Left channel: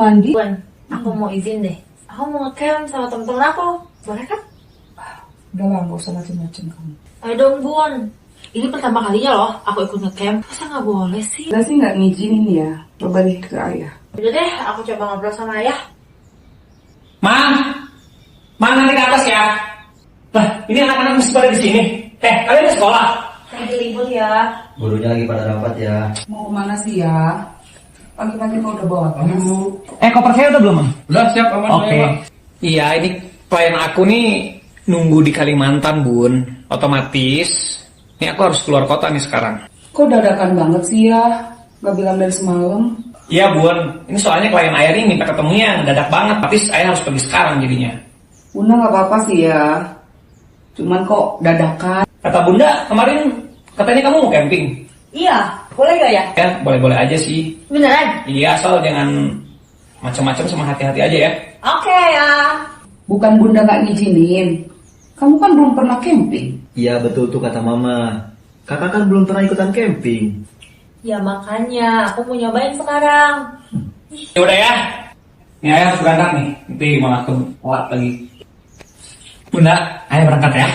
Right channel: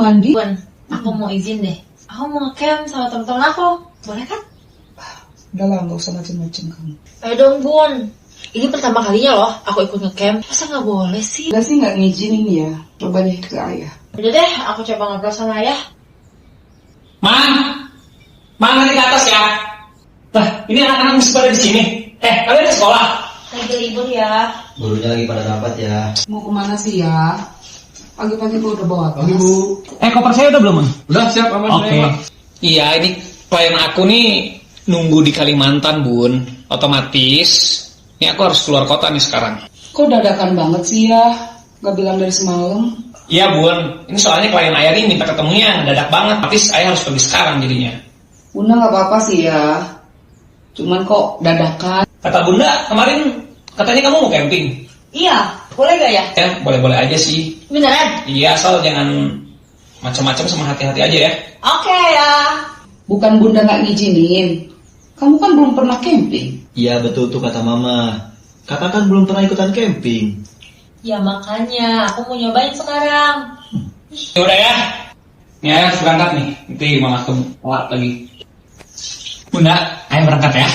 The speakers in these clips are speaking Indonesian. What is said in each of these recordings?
mandi. Bun, aku mau izin deh. Aku mau ngecamp sama temen-temen aku. Boleh kan? Udah lah, gak usah macem-macem kamu. Ayo dong, Bun. Ini pertama kalinya loh aku ikut ngecamp. Masa nggak boleh sih? Udah sih gak ngizinin ya. Coba deh ke ayah. Udah deh, aku coba ngobrol sama ayah. Mang nanti ke atas ya. Lah, ini anak-anak masih pada di sini. Kalian di sekolah? Lagi libur ya. Gurunya lagi pada rapat ya. Mau kemana sih ya? Pagi-pagi kok udah bawa tas. Koper saya udah belum, Mang? Udah siap aman. Oke. Iya, ini klien aku nih nunggu di Kalimantan, Bun. Otomatis, ini aku harus keluar kota nih sekarang. Kok dadakan banget sih ya? Gak bilang dari semalam. Iya, Bun. Ini soalnya klien ayah nih minta ketemunya mendadak banget. Tapi ayah harus pergi sekarang jadinya. Bunda gak apa-apa sih ya. Cuman kok dadakan. Kata Bunda, kemarin katanya kamu mau camping. Iya, boleh gak ya? Ya, boleh-boleh aja sih. Beneran? Iya, asal jangan macam-macam sama hati-hati aja ya. Oke ya. Bukan Bunda gak ngizinin. Kamu kan belum pernah camping. Iya betul tuh kata mama. Kakak kan belum pernah ikutan camping. Ya makanya, aku mau nyobain sekarang. Ya udah ya. Nih ayah harus berangkat nih. Nanti malah telat lagi. Bunda, ayah berangkat ya.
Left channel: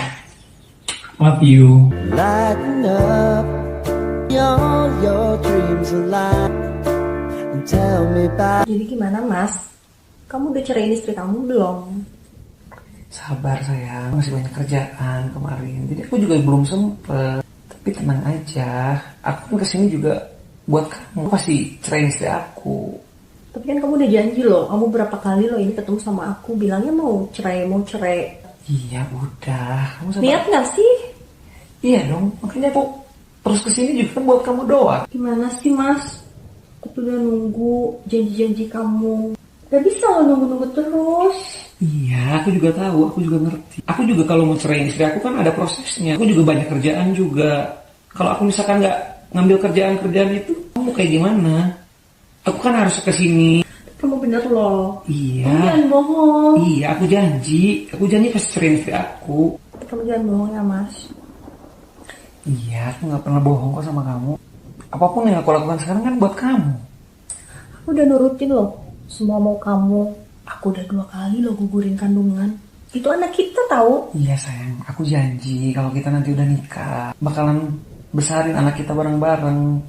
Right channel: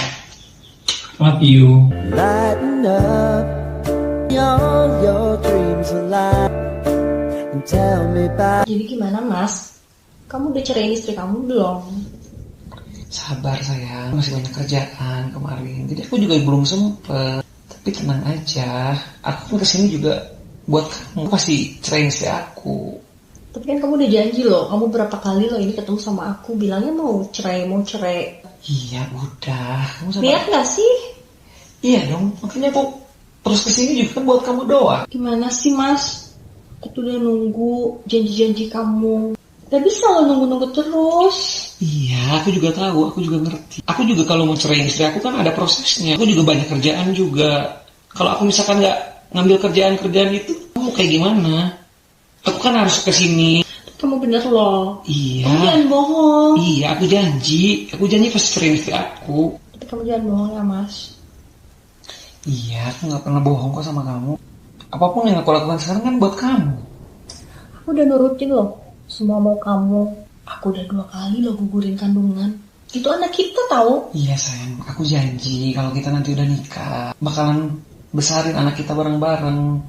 Love you. Lighten up all your dreams alive and tell me about. Jadi gimana Mas? Kamu udah ceraiin istri kamu belum? Sabar sayang, masih banyak kerjaan kemarin. Jadi aku juga belum sempet. Tapi tenang aja, aku kesini juga buat kamu. Pasti ceraiin istri aku. Tapi kan kamu udah janji loh, kamu berapa kali loh ini ketemu sama aku bilangnya mau cerai. Iya udah, kamu sabar. Lihat gak sih? Iya dong, makanya aku terus kesini juga kan buat kamu doa. Gimana sih Mas? Aku tuh udah nunggu janji-janji kamu. Gak bisa lo nunggu-nunggu terus. Iya, aku juga tahu, aku juga ngerti. Aku juga kalau mau ceraiin istri aku kan ada prosesnya. Aku juga banyak kerjaan juga. Kalau aku misalkan nggak ngambil kerjaan itu, kamu kayak gimana? Aku kan harus kesini. Kamu bener loh. Iya. Kamu jangan bohong. Iya, aku janji pasti ceraiin istri aku. Tapi kamu jangan bohong ya Mas. Iya, aku nggak pernah bohong kok sama kamu. Apapun yang aku lakukan sekarang kan buat kamu. Aku udah nurutin loh semua mau kamu. Aku udah 2 kali loh gugurin kandungan. Itu anak kita tahu. Iya sayang, aku janji kalau kita nanti udah nikah bakalan besarin anak kita bareng-bareng.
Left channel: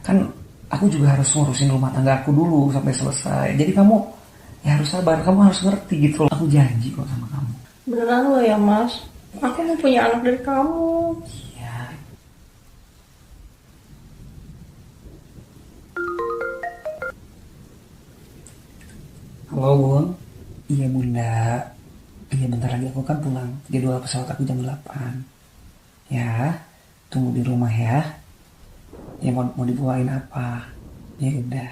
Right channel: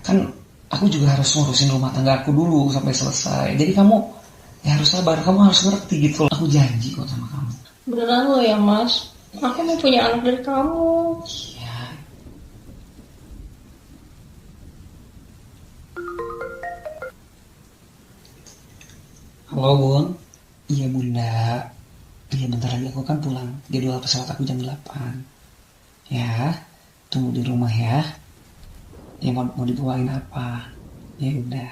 Kan aku juga harus ngurusin rumah tangga aku dulu sampai selesai. Jadi kamu ya harus sabar, kamu harus ngerti gitu loh. Aku janji kok sama kamu. Beneran loh ya Mas. Aku mau punya anak dari kamu. Iya. Halo Bun. Iya Bunda. Iya bentar lagi aku kan pulang. Jadwal pesawat aku jam 8. Ya, tunggu di rumah ya. Ya mau dibawain apa? Ya udah.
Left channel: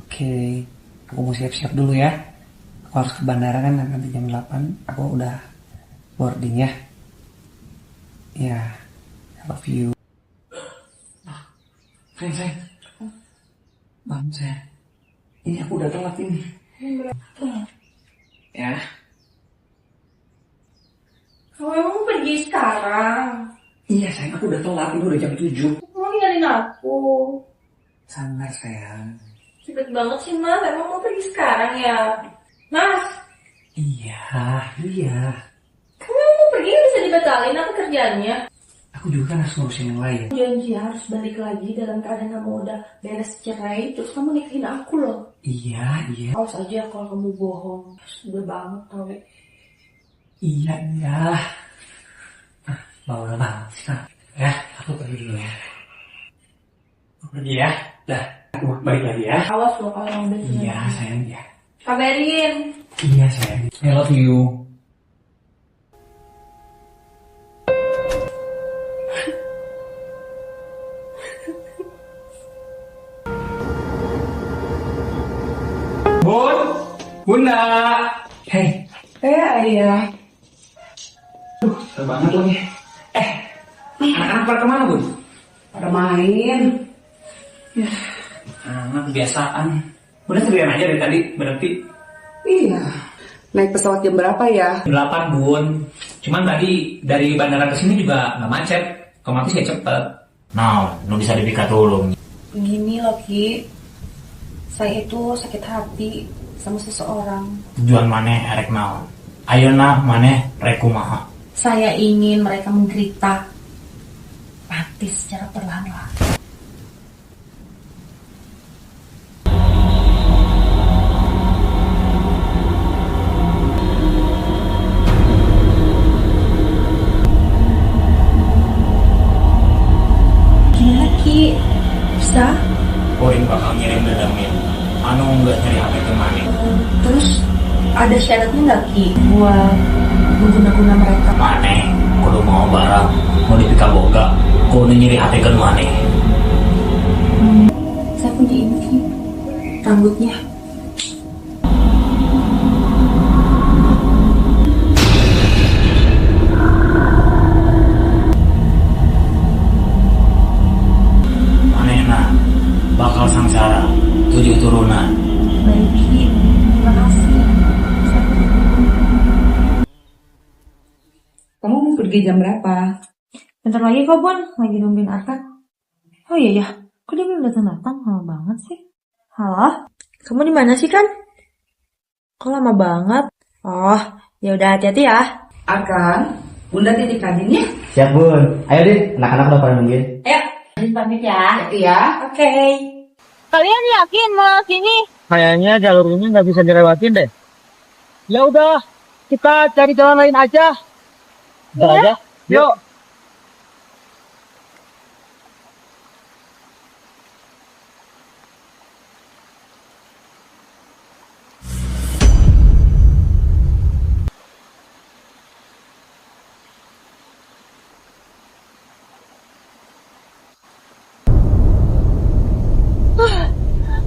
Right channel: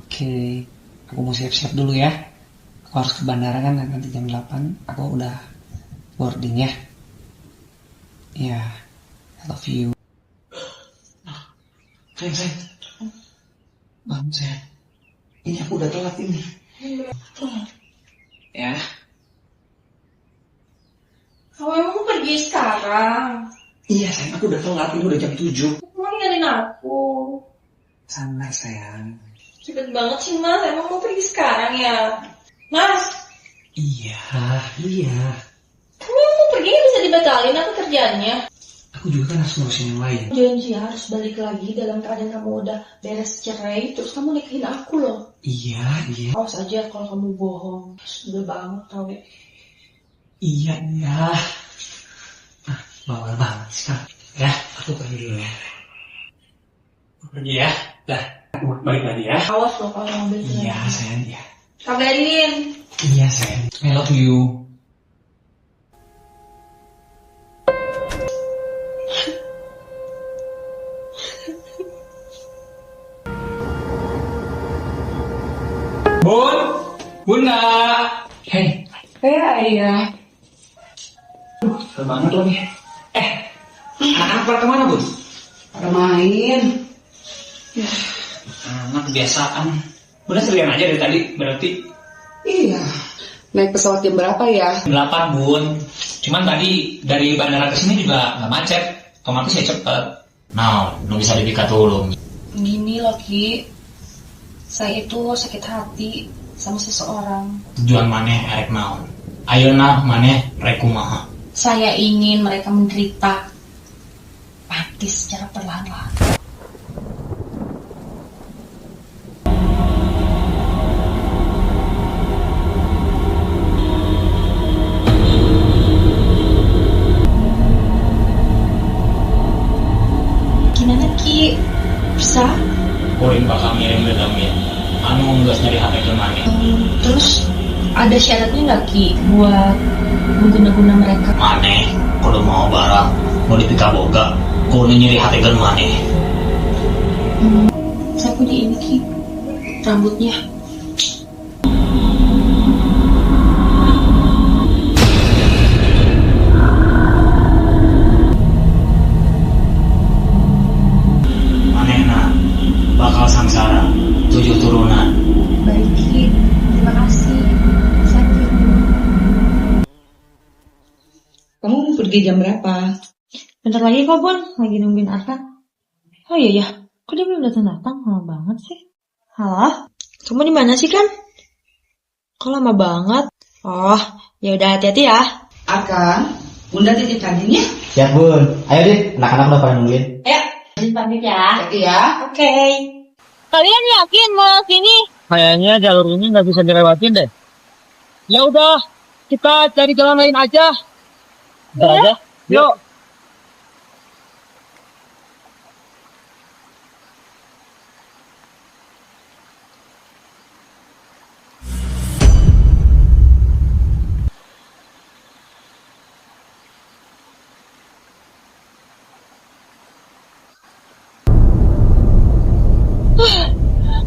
Oke. Aku mau siap-siap dulu ya. Aku harus ke bandara kan nanti jam 8. Aku udah boarding ya. Ya. I love you. Sayang. Bangun sayang. Ini aku udah telat ini. Ya. Oh emang mau pergi sekarang? Iya sayang, aku udah telat. Ini udah jam 7. Kamu ninggalin aku. Sabar sayang. Cepet banget sih Mas, emang mau pergi sekarang ya? Mas, Iya. kamu mau pergi bisa dibatalin apa kerjaannya? Aku juga kan harus ngurusin yang lain. Janji harus balik lagi dalam keadaan kamu udah beres cerai, terus kamu nikahin aku loh. Iya. Awas aja kalau kamu bohong. Sudah banget tau deh. Iya. Bawel banget sekarang. Ya, aku pergi dulu ya. Aku pergi ya. Dah, aku balik lagi ya. Awas loh kalau kamu udah Iya sayang ya. kabarin. Iya sayang. I love you. Bunda. Hey. Ayah. Seru banget lagi. Anak-anak pada kemana Bun? Pada main. Anak kebiasaan. Bunda sendirian aja dari tadi berarti. Iya. Naik pesawat jam berapa ya? 8 Bun. Cuman tadi dari bandara ke sini juga nggak macet. Otomatis ya cepet. Nah, nu bisa dipikat dulu. Gini loh Ki, saya itu sakit hati sama seseorang. Tujuan maneh erek naon? Ayeuna maneh rek kumaha? Saya ingin mereka menderita mati secara perlahan-lahan. Gimana Ki? Bisa? Kuring bakal ngirim dendamnya. Anu geus nyari HP ke maneh. Terus ada syaratnya nggak Ki buat mengguna-guna mereka? Maneh kudu mau barang mau dipikaboga kudu nyari HP ke maneh. Saya punya ini Ki, rambutnya. Manehna bakal sangsara 7 turunan. Baik Ki, terima kasih. Saya pergi dulu. Kamu mau pergi jam berapa? Bentar lagi kok Bun, lagi nungguin Arkan. Oh iya ya, kok dia belum datang-datang? Lama banget sih. Halo, kamu di mana sih Kan? Kok lama banget? Oh, ya udah hati-hati ya. Akan, Bunda titip Nadine ya. Siap bun. Ayo deh, anak-anak udah pada nungguin. Ayo, izin pamit ya. Hati ya. Oke. Kalian yakin mau sini? Kayaknya jalur ini nggak bisa dilewatin deh. Ya udah, kita cari jalan lain aja. Ntar aja. Yuk.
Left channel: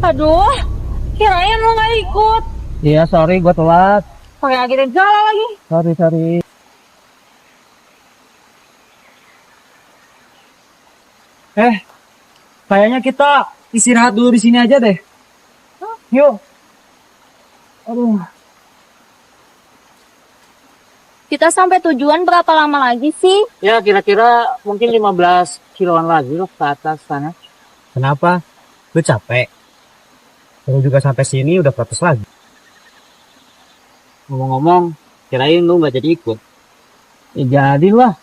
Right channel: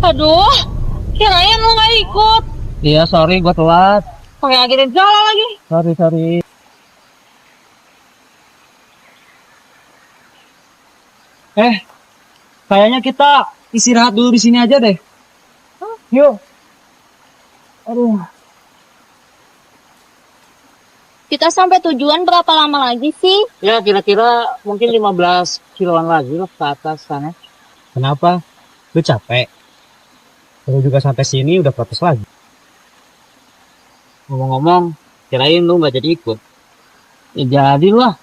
Aduh, kirain lo nggak ikut. Iya, sorry gue telat. Pakai akhirnya jalan lagi. Sorry. Kayaknya kita istirahat dulu di sini aja deh. Yuk. Aduh. Kita sampai tujuan berapa lama lagi sih? Ya kira-kira mungkin 15 kiloan lagi loh ke atas sana. Kenapa? Lu capek? Lu juga sampai sini udah protes lagi. Ngomong-ngomong, kirain lu gak jadi ikut. Ya jadi lah.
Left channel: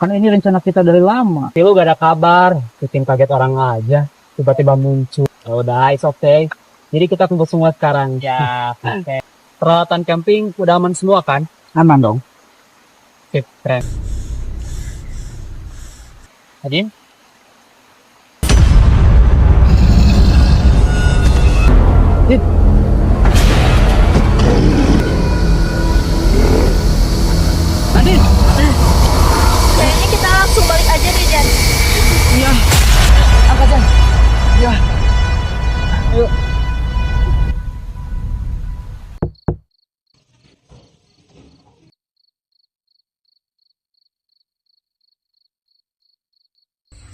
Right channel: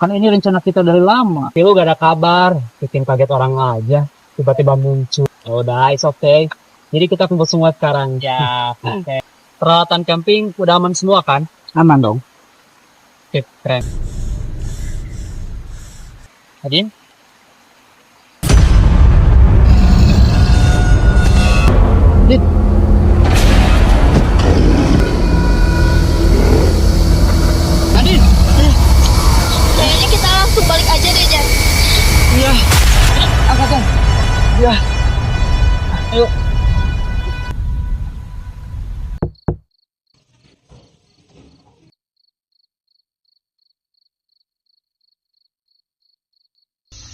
Kan ini rencana kita dari lama. Tapi lu gak ada kabar. Bikin kaget orang aja. Tiba-tiba muncul. Ya udah, it's okay. Jadi kita kumpul semua sekarang. Ya, oke. Peralatan camping udah aman semua kan? Aman dong. Sip, keren. Adin? Adin? Adin? Kayaknya kita langsung balik aja deh, Jan. Iya. Angkat, Jan. Iya. Ayo.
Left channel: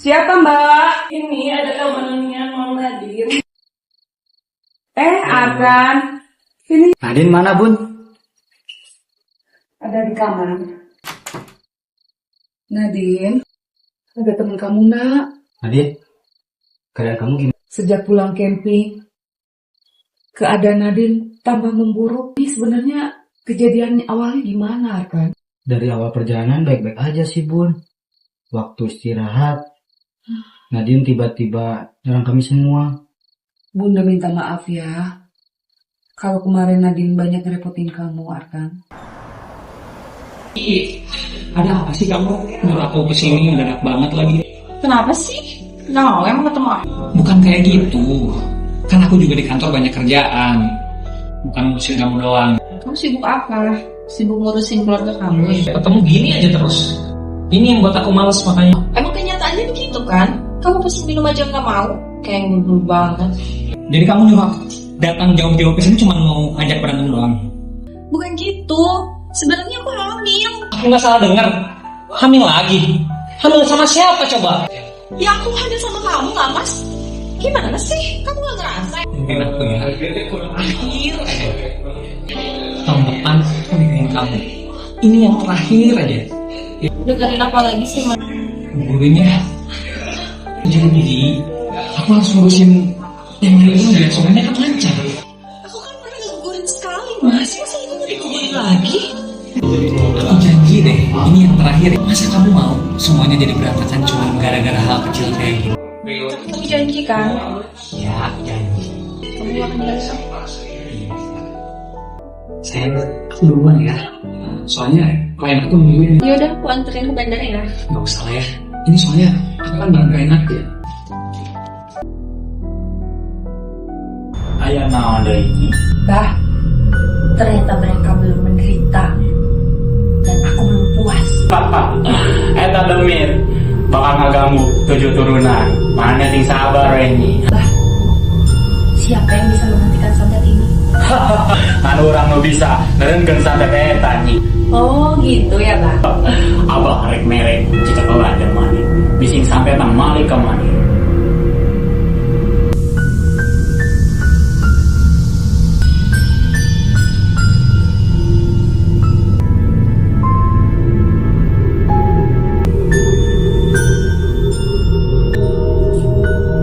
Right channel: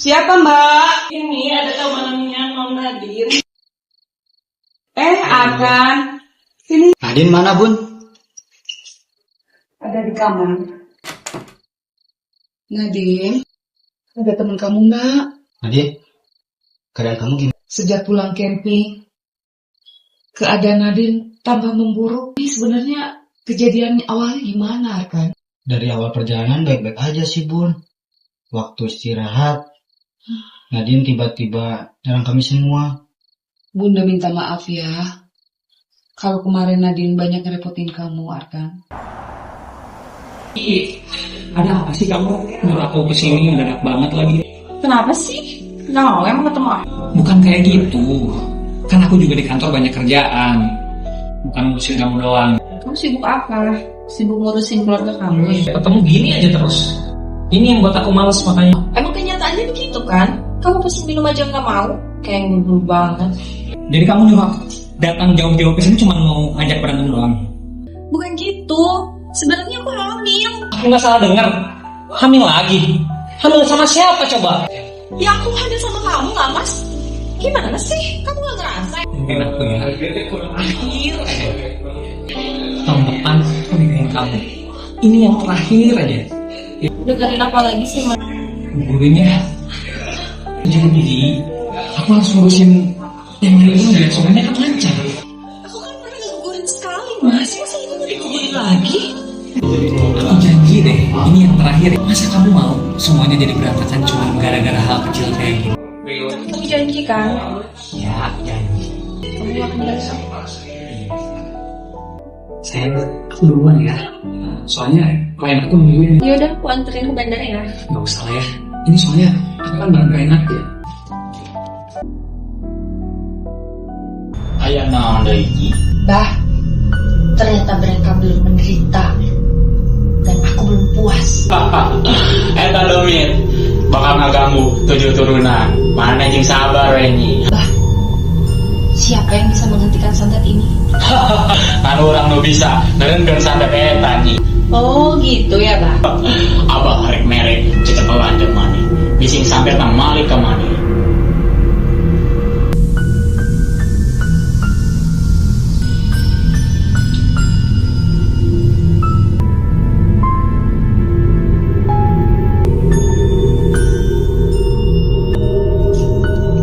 Siapa Mbak? Ini ada temannya Mam Nadine. Akan. Sini. Nadine mana bun? Ada di kamar. Nadine, ada teman kamu nggak? Nadine, keadaan kamu gimana? Sejak pulang camping, keadaan Nadine tambah memburuk. Ini sebenarnya kejadian awalnya gimana, Arkan? Dari awal perjalanan baik-baik aja sih bun. Waktu istirahat, Nadine tiba-tiba nyerang kami semua. Bunda minta maaf ya. Kalau kemarin Nadine banyak ngerepotin kamu, Arkan. Ada apa sih kamu? Nyuruh aku kesini mendadak banget lagi. Kenapa sih? Nggak mau emang ketemu aku? Bukan kayak gitu. Kan aku juga di kantor banyak kerjaan. Bukan ngurusin kamu doang. Kamu sibuk apa? Sibuk ngurusin keluarga kamu ya? Ketemu gini aja terus. Ini yang buat aku males makanya. Emang kenyataannya begitu kan? Kamu pesen minum aja nggak mau? Kayak ngudul banget. Jadi kamu nyuruh aku datang jauh-jauh ke sini cuma mau ngajak berantem doang. Bukan gitu. Sebenarnya aku hamil. Aku nggak salah dengar. Hamil lagi. Hamil sama siapa coba? Ya aku hamil sama kamu nggak mas? Gimana sih? Kamu nggak ngerasa? Mungkin aku ya. Terakhir. Tahun depan aku nikahin kamu. Ini yang terakhir aja. Dengerin apa lagi sih mas? Gurunya. Jadi aku harus ngurusin yang ini biar soalnya kan lancar. Aku kan pernah ngegugurin Kembali lagi? Aku janji deh, ini yang terakhir. Masa kamu mau semuanya jadi berantakan cuma gara-gara hal kecil kayak gini? Kamu janji kan? Ya, janji. Kamu akan balik. Sayang, aku duluan ya. Soalnya klien aku nungguin. Yaudah, aku anterin ke bandara ya. Gak usah lah ya. Ini soalnya aku kan barang gak enak ya. Ayah naon deui ini. Bah, ternyata mereka belum menderita. Dan aku belum puas. Eta Domir bakal ngaganggu 7 turunan. Mana jeung sabar we ini. Bah, siapa yang bisa menghentikan santet ini? Kan urang nu bisa nerenkeun santet eta nyi. Oh gitu ya, Bah. Abah rek merek cicak lanjut maneh. Bising santet nang malik ka maneh.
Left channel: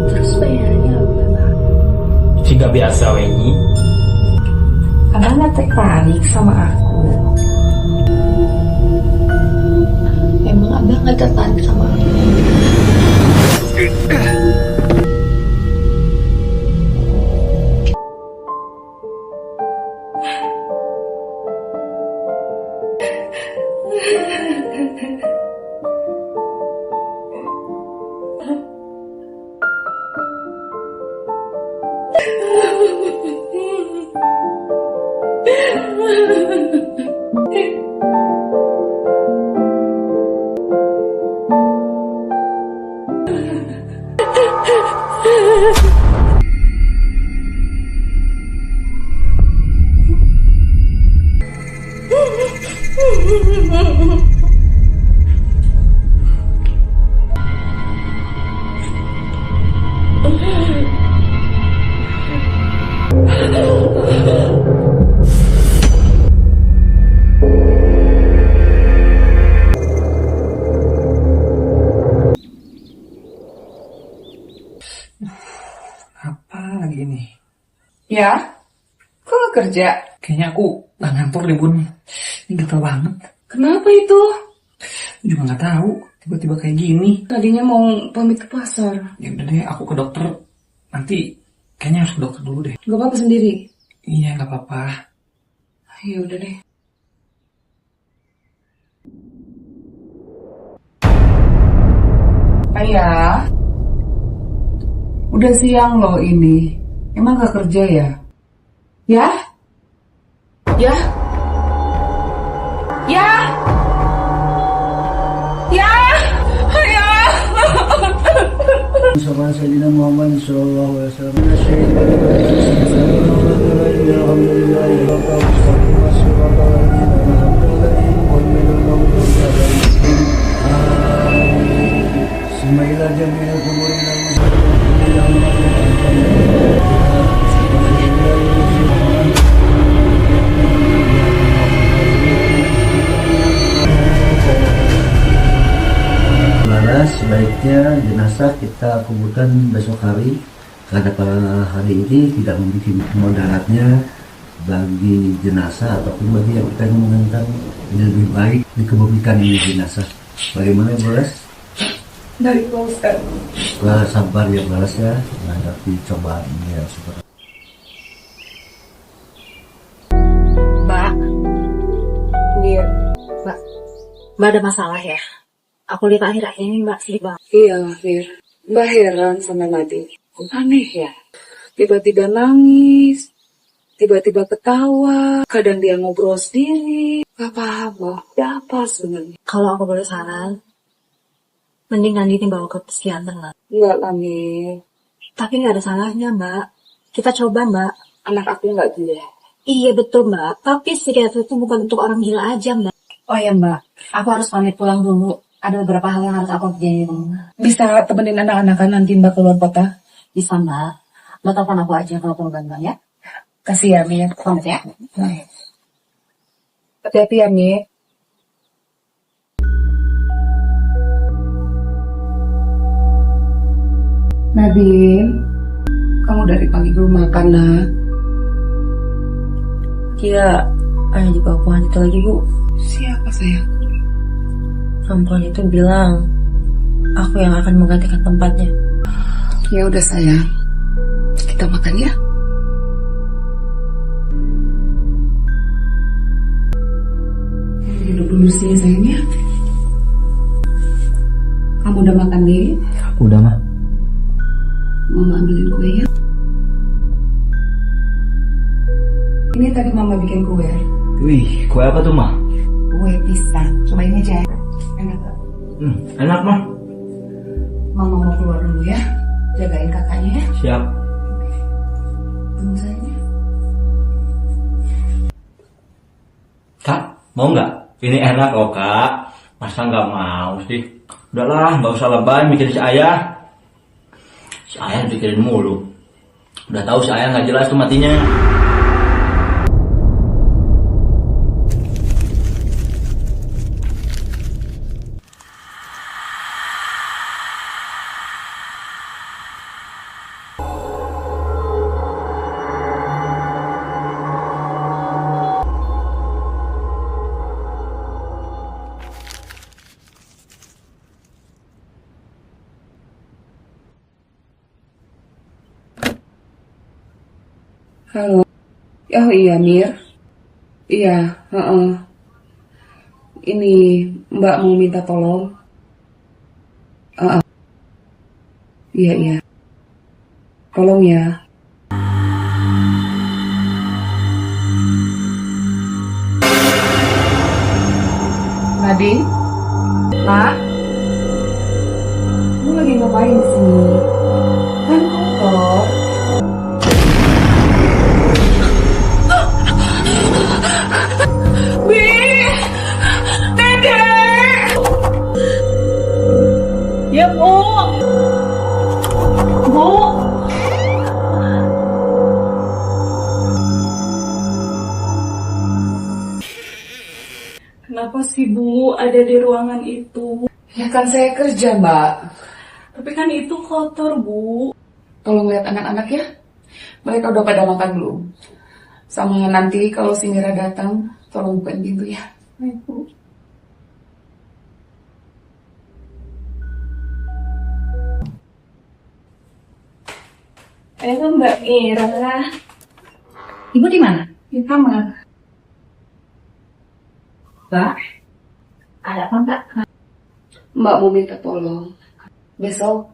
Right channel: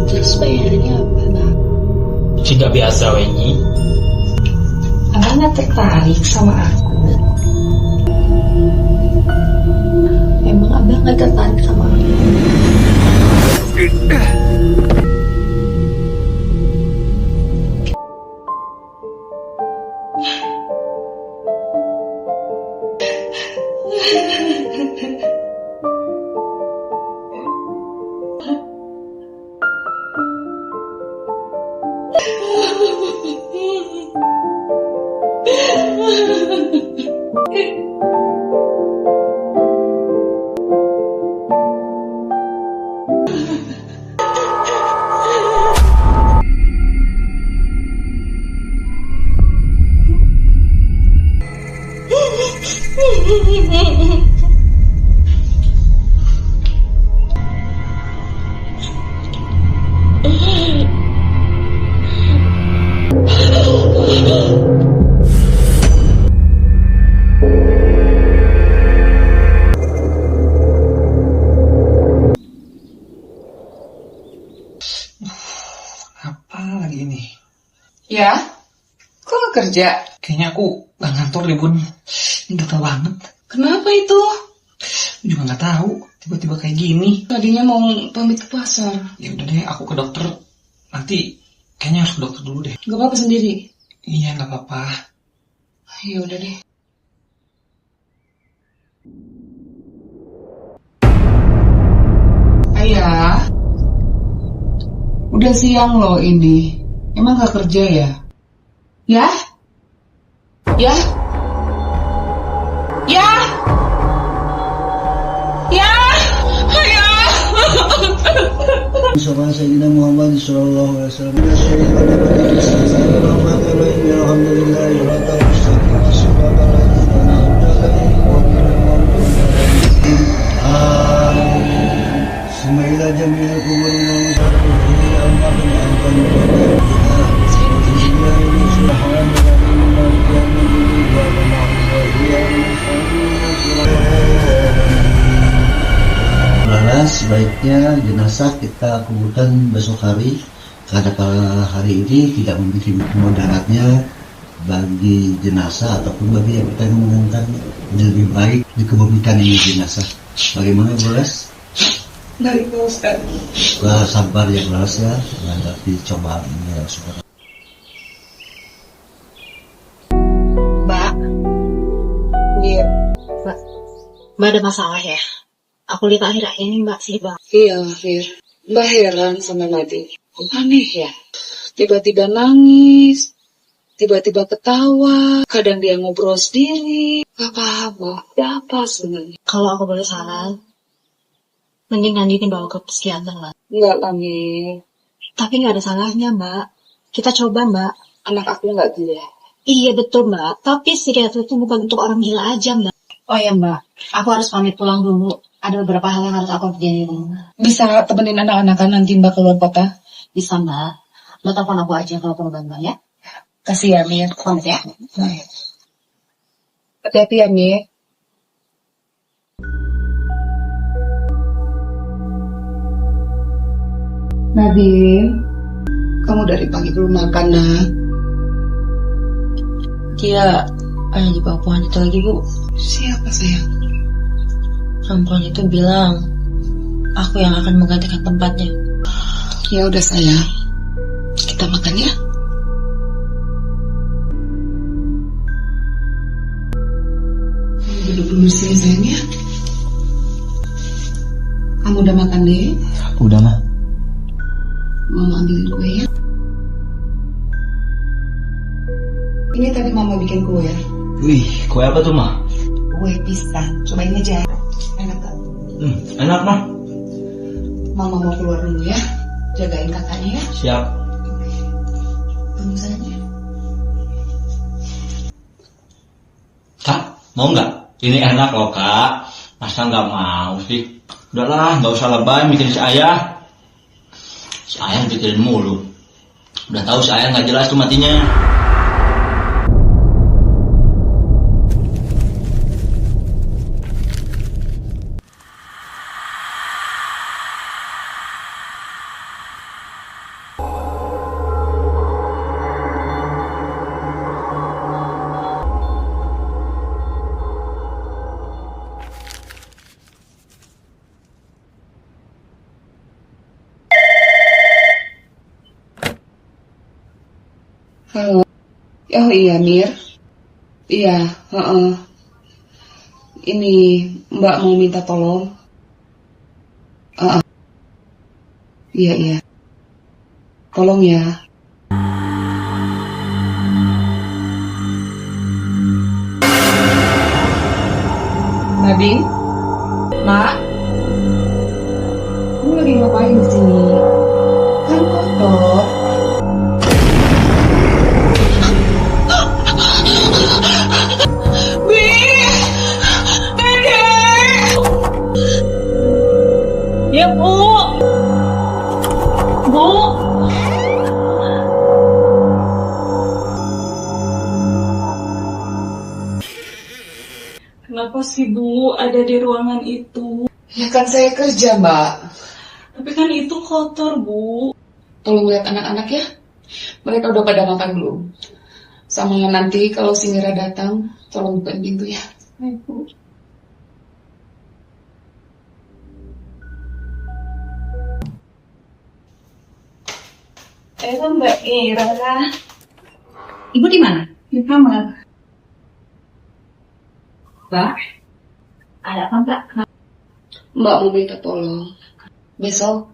Terus bayarannya apa, Bah? Siga biasa we nyi. Abang gak tertarik sama aku. Emang abang gak tertarik sama aku? Apa lagi ini? Ya? Kok kerja? Kayaknya aku gak ngantor deh bun. Ini gatel banget. Kenapa itu? Aku juga gak tahu. Tiba-tiba kayak gini. Tadinya mau pamit ke pasar. Ya udah deh, aku ke dokter. Nanti kayaknya harus ke dokter dulu deh. Gak apa-apa sendiri? Iya gak apa-apa. Ya udah deh. Ayah, udah siang loh ini. Emang gak kerja ya? Ya? Ya? Ya? Ya? Ayah! Sama Sayyidina Muhammad sallallahu alaihi wasallam. Alhamdulillah wa sebaiknya jenazah kita kuburkan besok hari karena pada hari ini tidak memiliki mudaratnya bagi jenazah ataupun bagi yang bertanya mengenai lebih baik dikebumikan ini jenazah. Bagaimana Bolas? Dari Pak Ustaz. Sabar ya Bolas ya, menghadapi cobaan ini ya Subhanallah. Mbak. Iya. Mbak ada masalah ya? Aku lihat akhir-akhir ini Mbak sih Bang. Iya, Fir. Mbak heran sama Madi. Aneh ya. Tiba-tiba nangis, tiba-tiba ketawa, kadang dia ngobrol sendiri. Gak paham loh, ada apa sebenarnya? Kalau aku boleh saran, mending Nandini bawa ke psikiater lah. Enggak lah, Mir. Tapi nggak ada salahnya Mbak. Kita coba Mbak. Anak aku nggak gila. Iya betul Mbak. Tapi psikiater itu bukan untuk orang gila aja Mbak. Oh ya Mbak, aku harus pamit pulang dulu. Ada beberapa hal yang harus aku kerjain di rumah. Bisa temenin anak-anakan nanti Mbak keluar kota? Bisa Mbak. Mbak telepon aku aja kalau perlu bantuan ya. Kasih ya, Mir. Pamit ya. Hati-hati ya, Mir. Nadine, kamu dari pagi belum makan, nak. Dia ada di bawah pohon itu lagi, Bu. Siapa sayang? Perempuan itu bilang, aku yang akan menggantikan tempatnya. Ya udah sayang, kita makan ya. Duduk dulu sini sayang ya. Kamu udah makan deh? Udah mah. Mama ambilin kue ya. Ini tadi mama bikin kue. Wih, kue apa tuh mah? Kue pisang. Cobain aja. Enak gak? Enak mah. Mama mau keluar dulu ya. Jagain kakaknya ya. Siap. Tunggu saja. Kak, mau nggak? Ini enak loh kak. Masa nggak mau sih? Udahlah, nggak usah lebay mikirin si ayah. Si ayah pikirin mulu. Udah tahu si ayah nggak jelas tuh matinya. Halo. Oh iya Mir. Iya, heeh. Ini Mbak mau minta tolong. Iya iya. Tolong ya. Nadine? Nak? Kamu lagi ngapain di sini? Kan kotor. Ya, Bu. Bu. Kenapa sih Bu ada di ruangan itu? Ya kan saya kerja Mbak. Tapi kan itu kotor Bu. Tolong lihat anak-anak ya. Mereka udah pada makan belum? Sama nanti kalau si Mira datang, tolong bukain pintu ya. Baik Bu. Mbak Mira. Ibu di mana? Di kamar. Mbak? Ada apa Mbak? Mbak mau minta tolong. Besok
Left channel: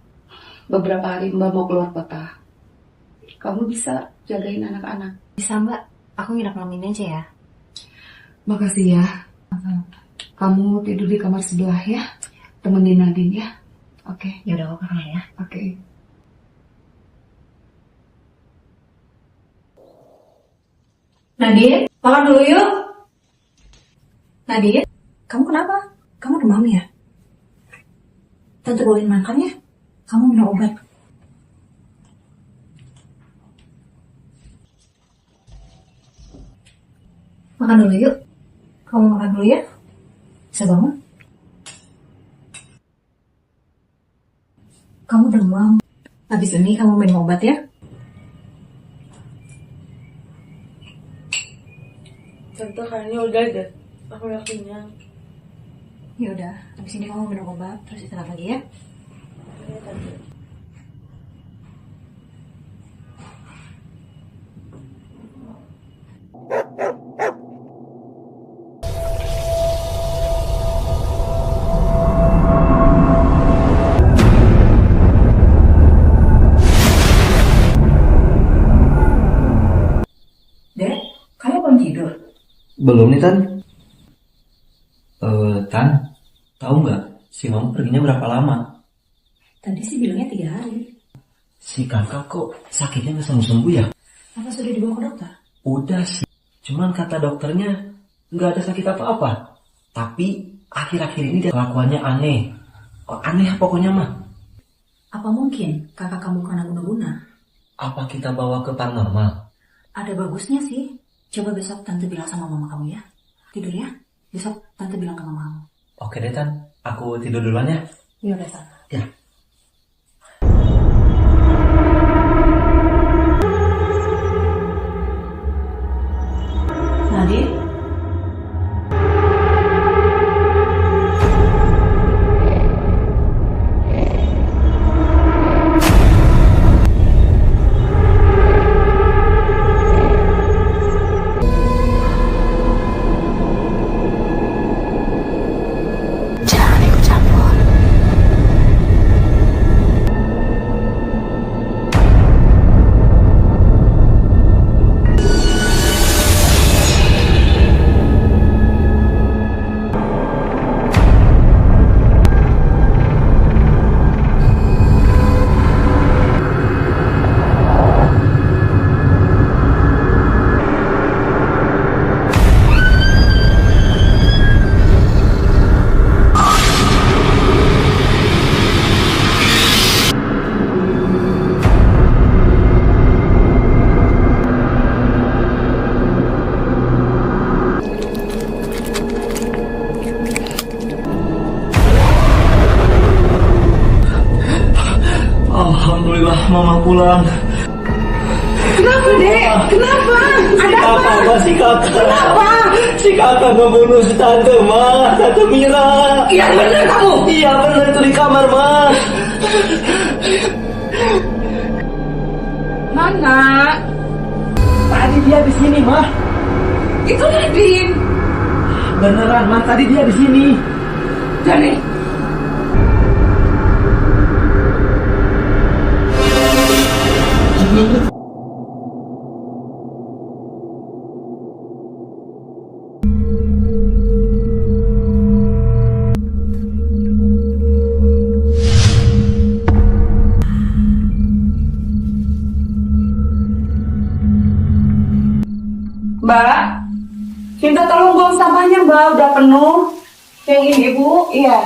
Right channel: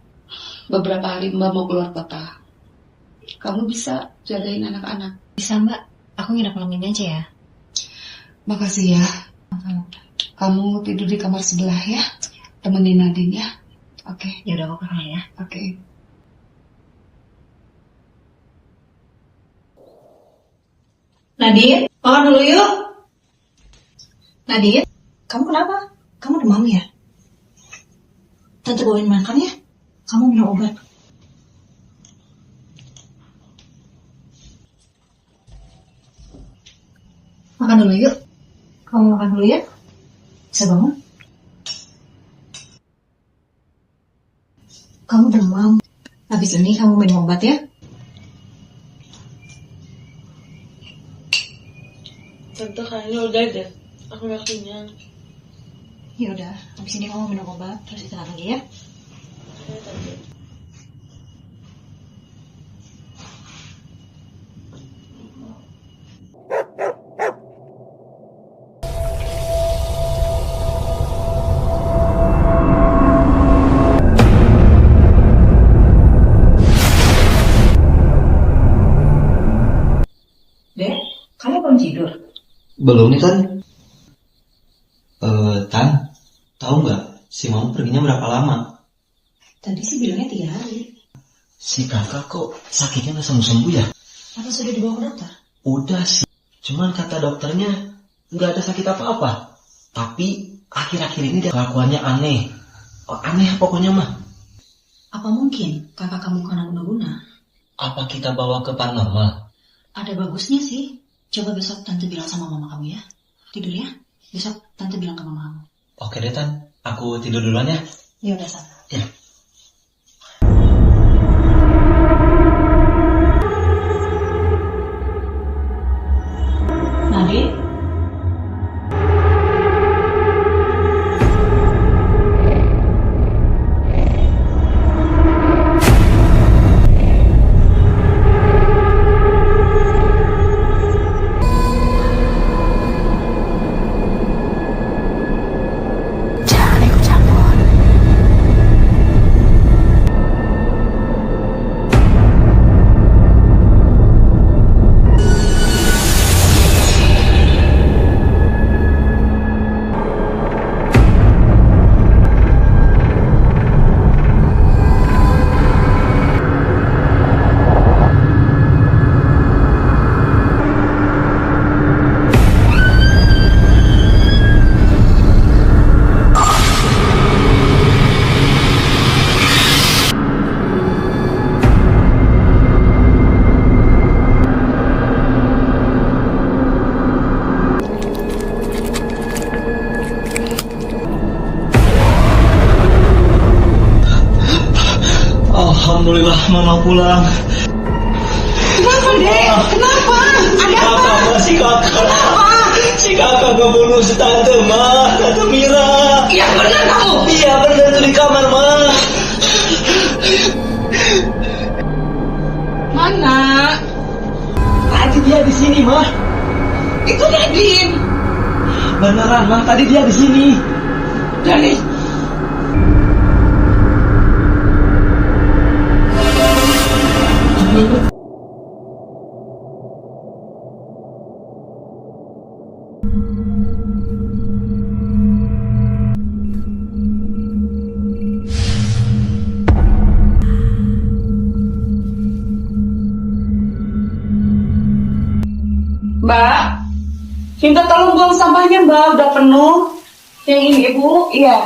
beberapa hari Mbak mau keluar kota. Kamu bisa jagain anak-anak. Bisa Mbak, aku nginep malam ini aja ya. Makasih ya. Kamu tidur di kamar sebelah ya. Temenin Nadine ya. Oke. Ya udah aku ke kamar ya. Oke. Nadine, makan dulu yuk. Nadine, kamu kenapa? Kamu demam ya? Tante bawain makan ya. Kamu minum obat. Makan dulu yuk. Kamu makan dulu ya. Bisa bangun? Kamu demam. Habis ini kamu minum obat ya. Tante kayaknya udah deh. Aku udah kenyang. Ya udah, habis ini kamu minum obat terus istirahat lagi ya. Ya, Tante. Dek, kamu belum tidur? Belum nih Tan. Tan, tahu nggak si Mama perginya berapa lama? Tadi sih bilangnya 3 hari. Si kakak kok sakitnya nggak sembuh-sembuh ya? Apa sudah dibawa ke dokter? Udah sih, cuman kata dokternya nggak ada sakit apa-apa. Tapi akhir-akhir ini dia kelakuannya aneh. Aneh pokoknya mah. Apa mungkin kakak kamu kena guna-guna? Apa kita bawa ke paranormal? Ada bagusnya sih. Coba besok tante bilang sama mama kamu ya. Tidur ya. Besok tante bilang ke mama kamu. Oke deh Tan, aku tidur duluan ya. Ya udah sana. Ya. Nadine, Alhamdulillah mama pulang. Kenapa, Dek? Kenapa? Ada apa? Kakak, si kakak. Kenapa? Si kakak ngebunuh si tante, Ma. Tante Mira. Yang benar kamu? Iya benar, itu di kamar, Ma. Mana? Tadi dia di sini, Ma. Itu Nadine. Beneran, Ma. Tadi dia di sini. Dani. Mbak, minta tolong buang sampahnya, Mbak. Udah penuh. Yang ini, Ibu. Iya.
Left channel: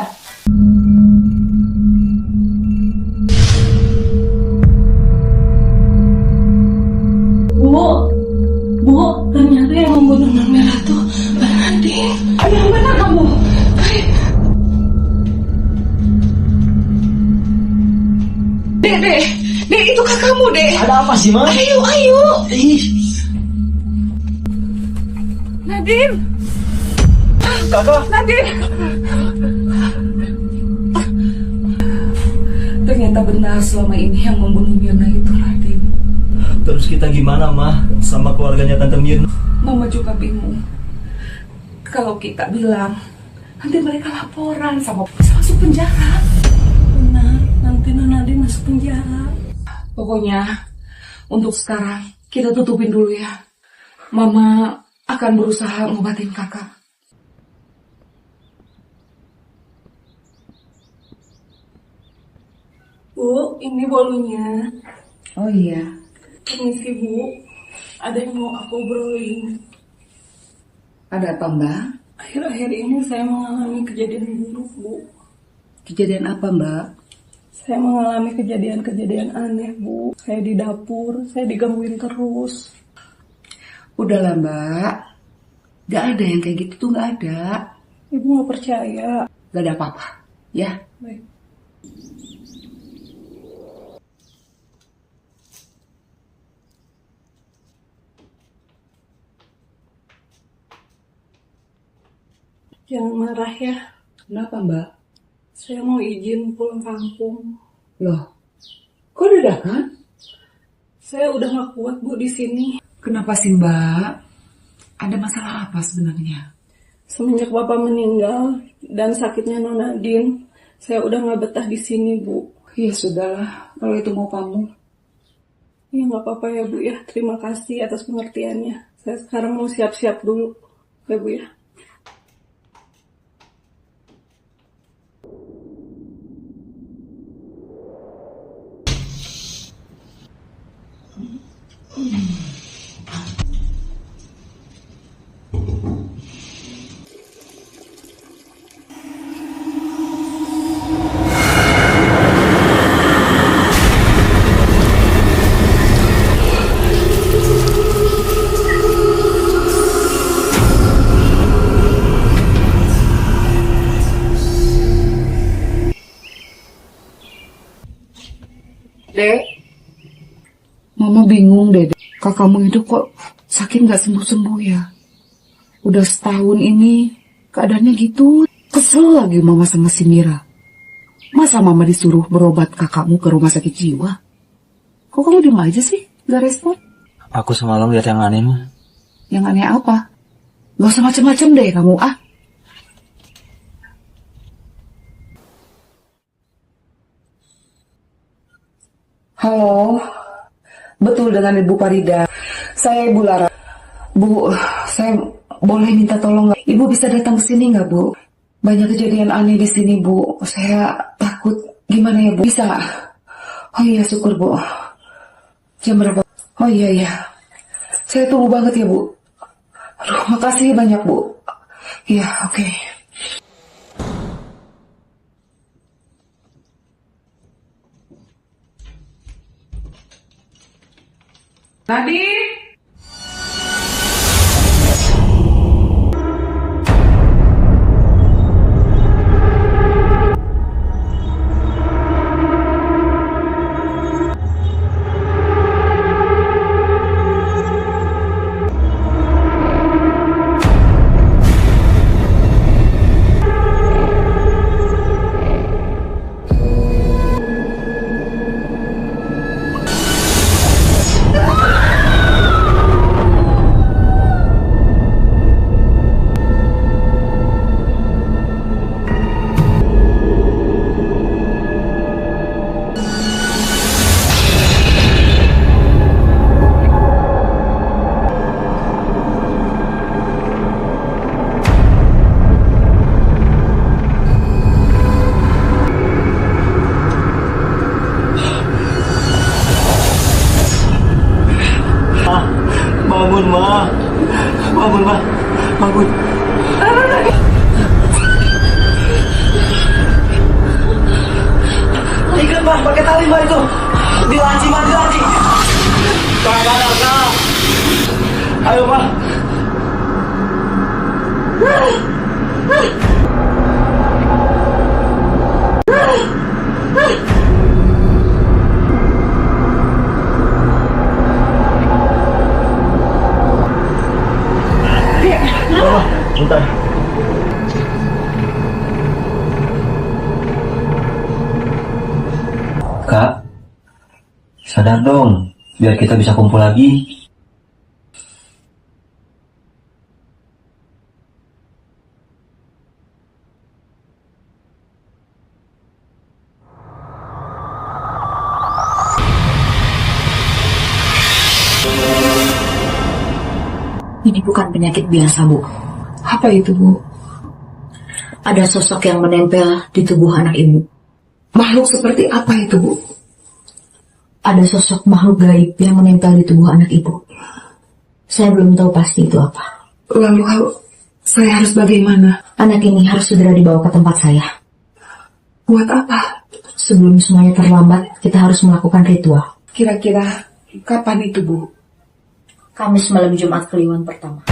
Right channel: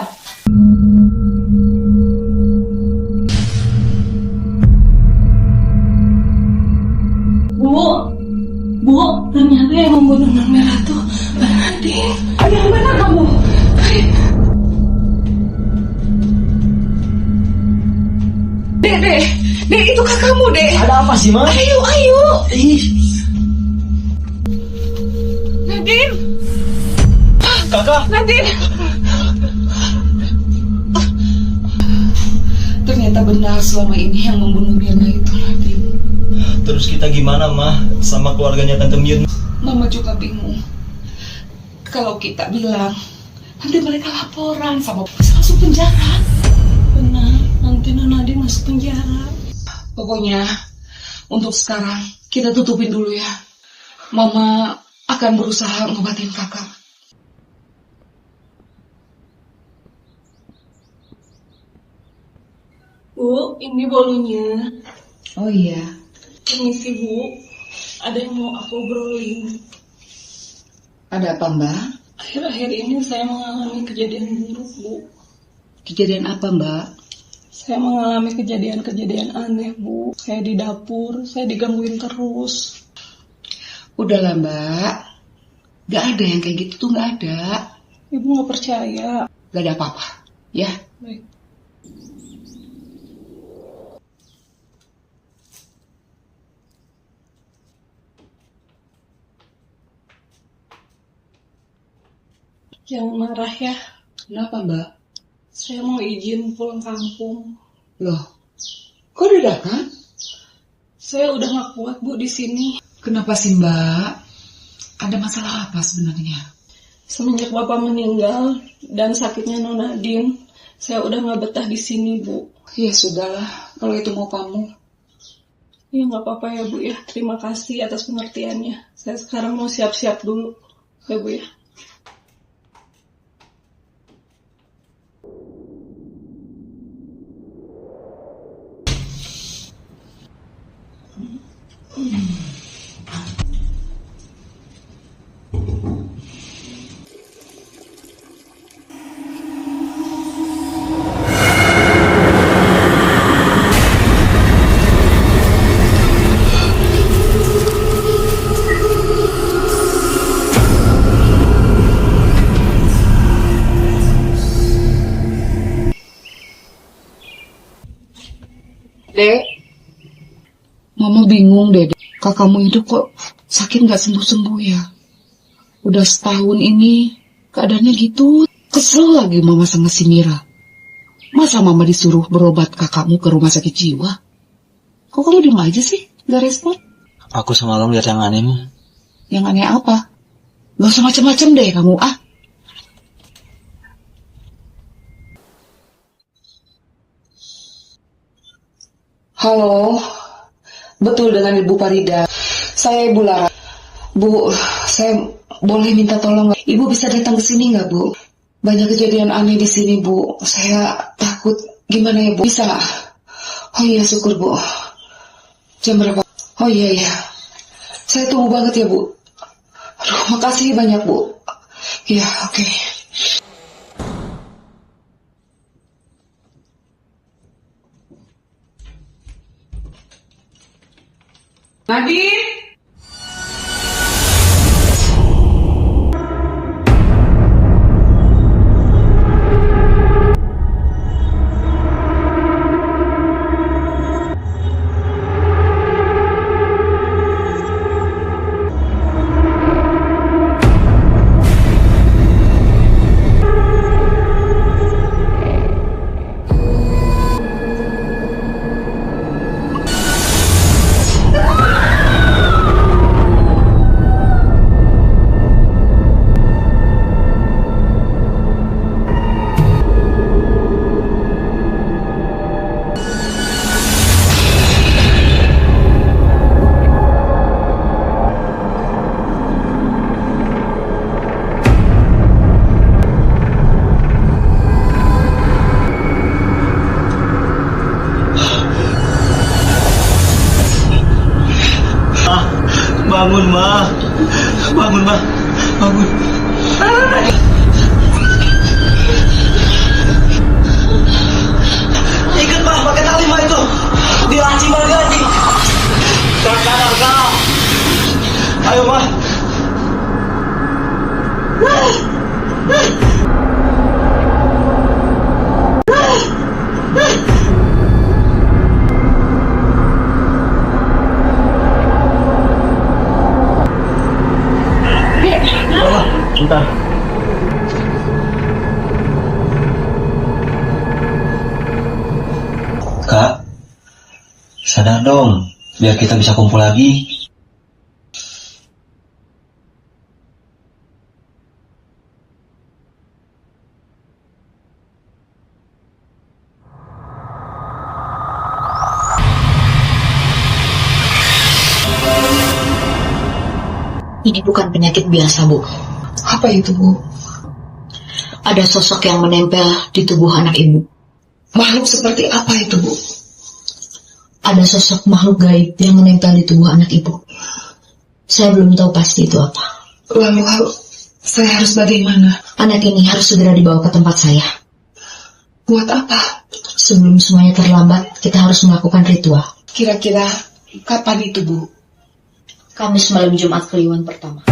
Bu, ternyata yang membunuh Non Merah tuh Mbak Nadine. Ada yang benar kamu? Dek, itu kakakmu, Dek. Ada apa sih, Ma? Ayo. Nadine. Kakak. Nadine. Ternyata benar selama ini yang membunuh Mirna itu Nadine. Terus kita gimana, Ma? Sama keluarganya Tante Mirna? Mama juga bingung. Kalau kita bilang, nanti mereka laporan sama bisa masuk penjara. Benar, nanti Non Nadine masuk penjara. Pokoknya, untuk sekarang kita tutupin dulu ya. Mama akan berusaha ngobatin kakak. Bu, ini bolunya. Oh iya. Permisi, Bu. Ada yang mau aku obrolin. Ada apa, Mbak? Akhir-akhir ini saya mengalami kejadian buruk, Bu. Kejadian apa, Mbak? Saya mengalami kejadian-kejadian aneh, Bu. Saya di dapur, saya digangguin terus. Udahlah, Mbak. Gak ada yang kayak gitu tuh, gak ada. Ibu gak percaya. Gak ada apa-apa, ya. Baik. Jangan marah ya. Kenapa, Mbak? Saya mau izin pulang kampung. Loh, kok dadakan? Saya udah gak kuat, Bu, di sini. Kenapa sih, Mbak? Ada masalah apa sebenarnya? Semenjak Bapak meninggal dan sakitnya Non Nadine, saya udah gak betah di sini, Bu. Ya sudahlah, kalau itu mau kamu. Ya gak apa-apa ya, Bu ya. Terima kasih atas pengertiannya. Saya sekarang mau siap-siap dulu. Ya, Bu ya. Dek, Mama bingung deh. Kakakmu itu kok sakit gak sembuh-sembuh ya? Udah setahun ini keadaannya gitu. Kesel lagi Mama sama si Mira. Masa Mama disuruh berobat kakakmu ke rumah sakit jiwa? Kok kamu diem aja sih? Gak respon? Aku semalam lihat yang aneh, Ma. Yang aneh apa? Gak usah macem-macem deh kamu, ah. Halo, betul dengan Ibu Parida. Saya Ibu Lara. Bu, saya boleh minta tolong nggak? Ibu bisa datang ke sini nggak, Bu? Banyak kejadian aneh di sini, Bu. Saya takut. Gimana ya, Bu? Bisa nggak? Oh iya, syukur, Bu. Jam berapa? Oh iya. Saya tunggu banget ya, Bu. Aduh, makasih banyak, Bu. Iya, oke. Nadine? Bangun. Ikat mah, pakai tali mah itu. Dilancing mah dilancing. Kak. Ayo mah. Bentar. Kak, sadar dong, biar kita bisa kumpul lagi. Ini bukan penyakit biasa, Bu. Apa itu, Bu? Ada sosok yang menempel di tubuh anak ibu. Makhluk seperti apa itu, Bu? Ada sosok makhluk gaib yang menempel di tubuh anak ibu. Saya belum tahu pasti itu apa. Lalu saya harus bagaimana? Anak ini harus segera dibawa ke tempat saya. Buat apa? Sebelum semuanya terlambat, kita harus melakukan ritual. Kira-kira kapan itu, Bu? Kamis malam Jumat Kliwon pertama.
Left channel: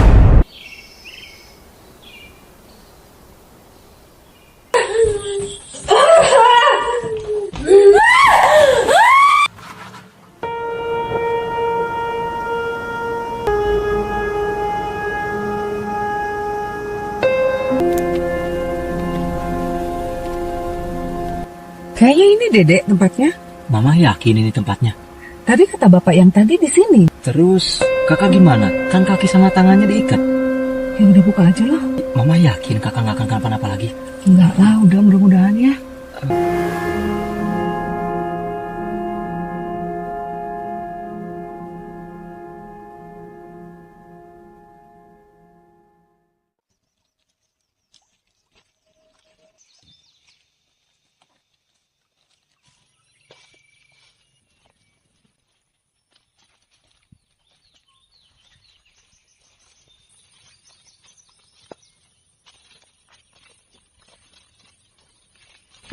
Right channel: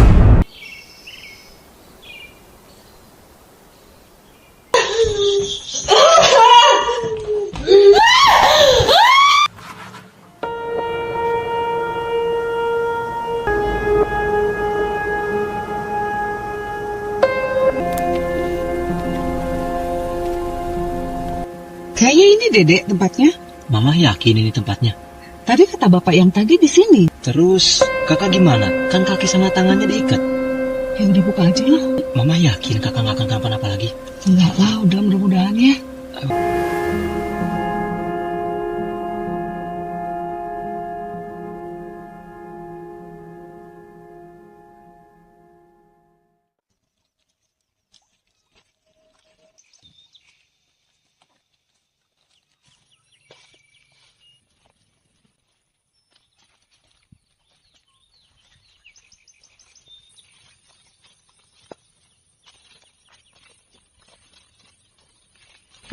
Kayaknya ini Dedek tempatnya. Mama yakin ini tempatnya. Tadi kata bapak yang tadi di sini. Terus kakak gimana? Kan kaki sama tangannya diikat. Ya udah buka aja lah. Mama yakin kakak nggak akan kenapa-napa lagi? Enggak lah, udah mudah-mudahan ya.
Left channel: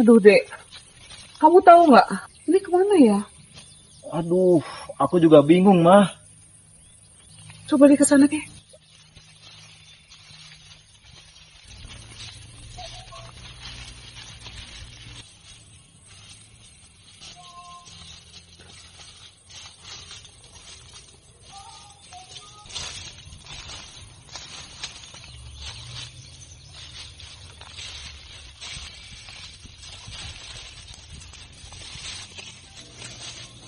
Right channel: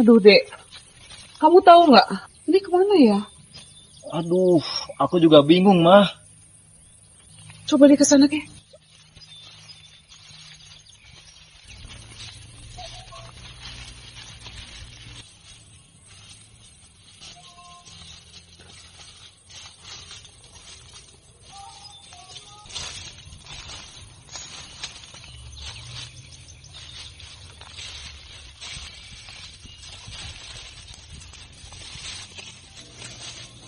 Aduh, Dek. Kamu tahu nggak? Ini kemana ya? Aduh, aku juga bingung, Mah. Coba di kesana, Kek.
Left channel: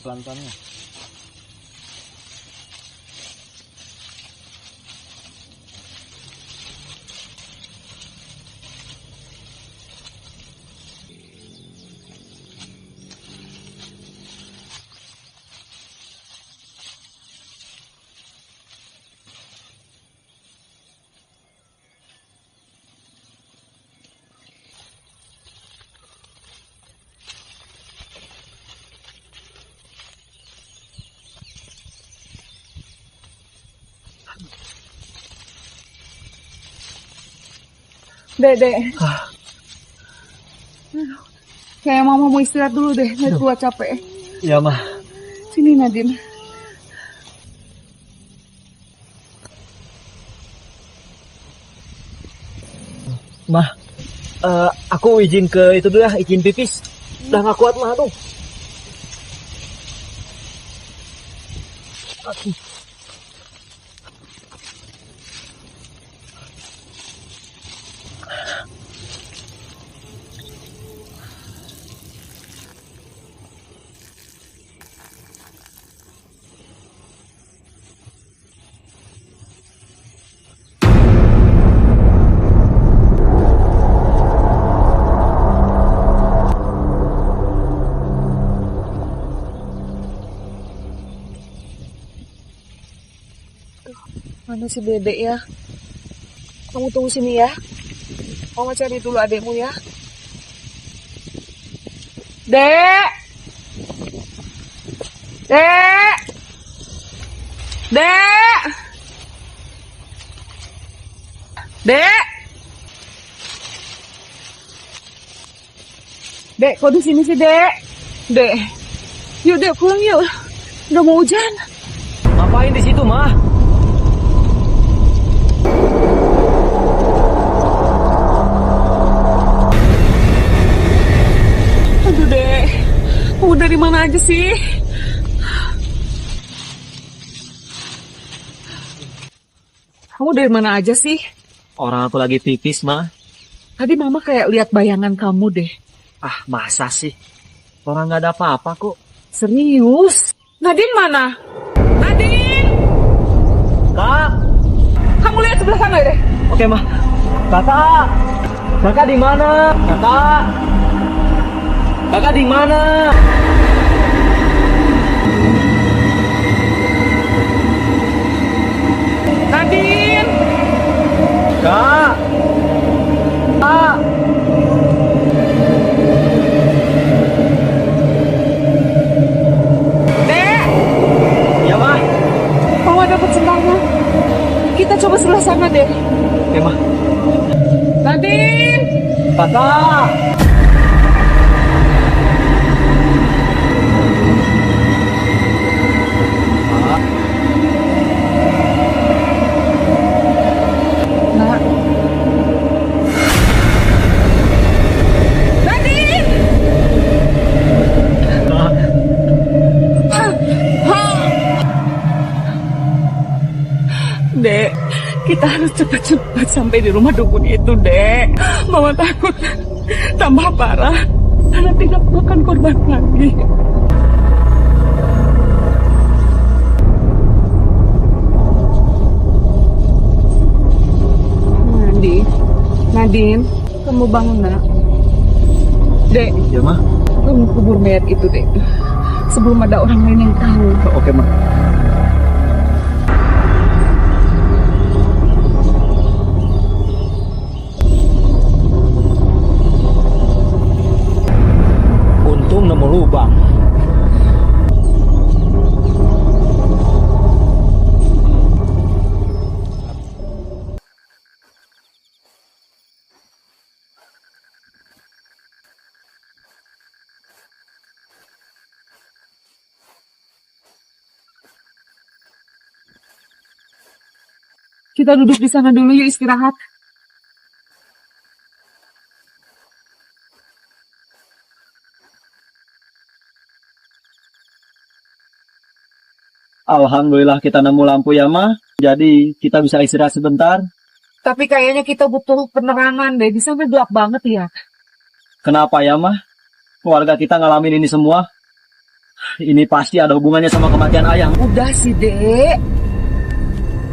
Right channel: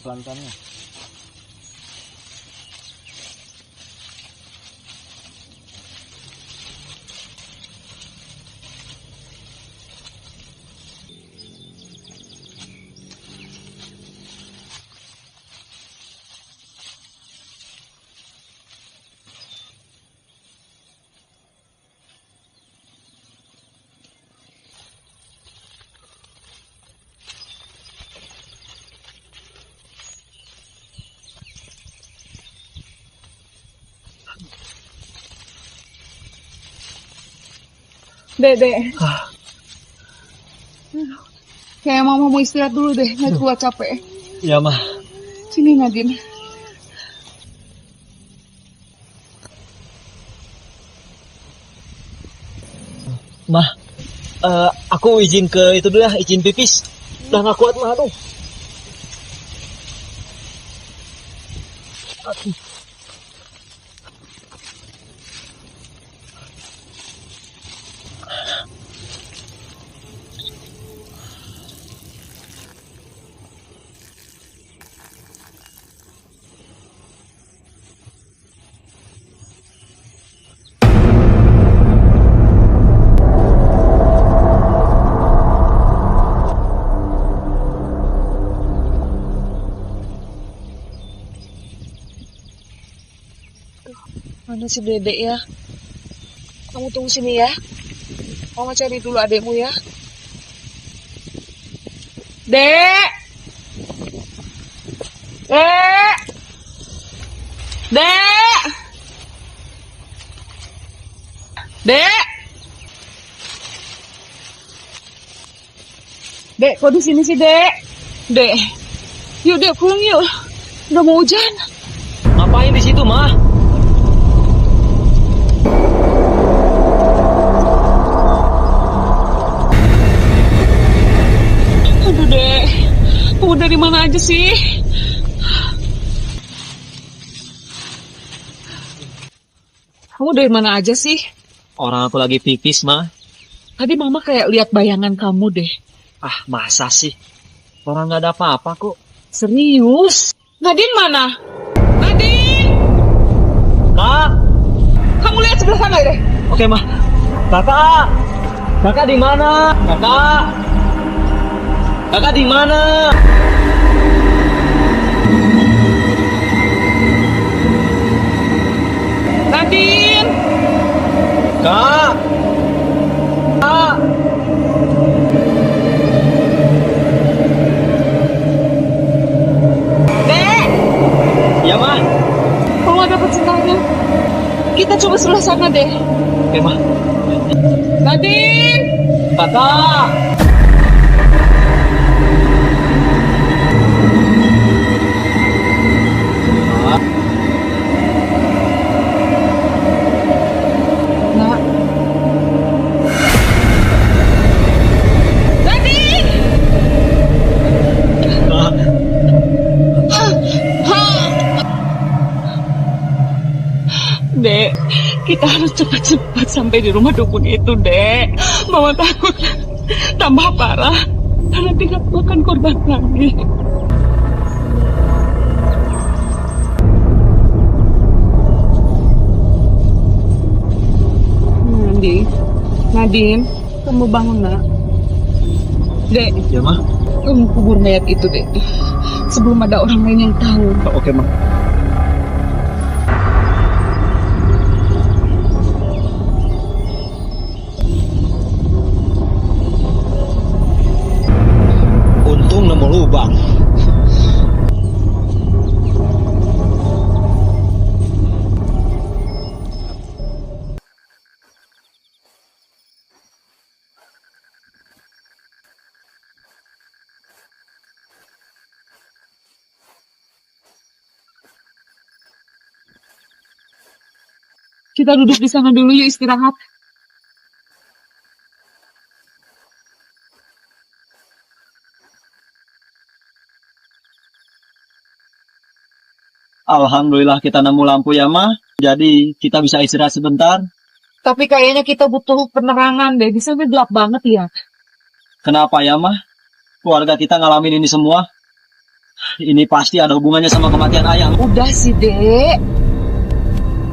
Pelan-pelannya. Dek. Kayak mama mau istirahat dulu deh, nggak kuat capek. Ya, Mah. Sini Nadine. Mah, aku izin ke itu dulu ya, izin pipis. Udah nggak kuat, Mah, aduh. Mana si Dedek ya? Kamu tunggu sini ya. Mama cari dulu adekmu ya. Dek! Dek! Dek! Dek! Dek, kok di sini sih, Dek? Dek, yuk Dek pulang yuk. Udah mau hujan. Ngapain di situ, mah? Aduh, Dek. Kamu dari mana aja sih? Kamu dari mana aja sih? Orang aku lagi pipis, mah. Tadi Mama kayak lihat bayangan kamu deh. Ah, masa sih? Orang nggak ada apa-apa kok. Serius? Nadine mana? Nadine! Kak! Kamu lihat sebelah sana deh. Oke, mah. Kakak! Kakak di mana? Kakak! Kakak di mana? Nadine! Kak! Kak! Dek! Iya, mah. Kalau ada pecenahnya, kita coba sebelah sana deh. Oke, mah. Nadine! Kakak! Nak. Nadine! Dek, kita harus cepat-cepat sampai di rumah dukun itu, Dek. Mama takut tambah parah karena tidak makan korban lagi. Nadine, kamu bangun, Nak. Dek, Ya, mah. kamu kubur mayat itu, Dek. Sebelum ada orang lain yang tahu. Oke, mah. Untung nemu lubang. Kita duduk di sana dulu yuk, istirahat. Alhamdulillah kita nemu lampu ya, mah. Jadi kita bisa istirahat sebentar. Tapi kayaknya kita butuh penerangan deh. Di sana gelap banget ya. Kenapa ya, mah? Keluarga kita ngalamin ini semua. Ini pasti ada hubungannya sama kematian ayah. Udah sih, Dek.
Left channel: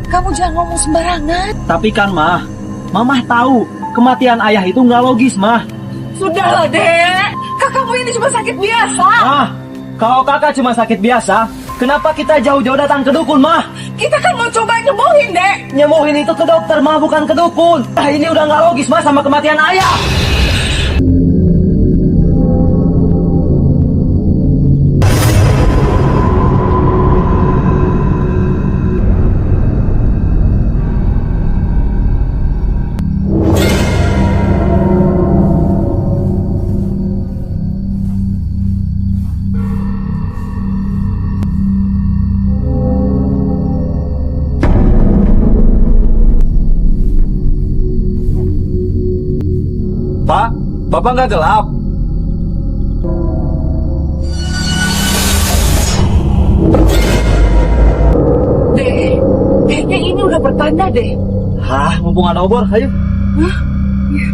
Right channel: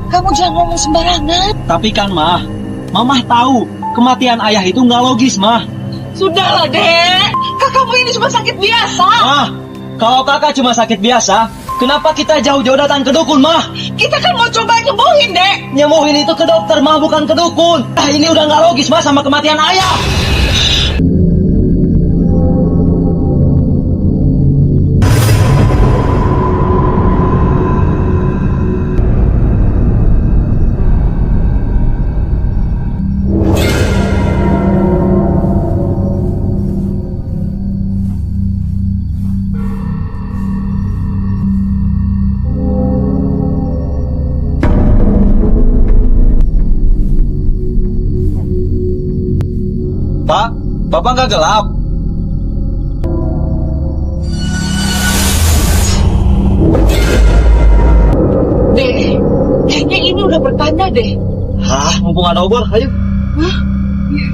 Kamu jangan ngomong sembarangan. Tapi kan, mah, mamah tahu kematian ayah itu nggak logis, mah. Sudahlah, Dek. Kakakmu ini cuma sakit biasa. Mah, kalau kakak cuma sakit biasa, kenapa kita jauh-jauh datang ke dukun, mah? Kita kan mau coba nyembuhin, Dek. Nyembuhin itu ke dokter, mah, bukan ke dukun. Nah, ini udah nggak logis, mah, sama kematian ayah. Pak, Bapak nggak gelap? Dek, kayaknya ini udah pertanda deh. Hah, mumpung ada obor, ayo. Hah? Iya.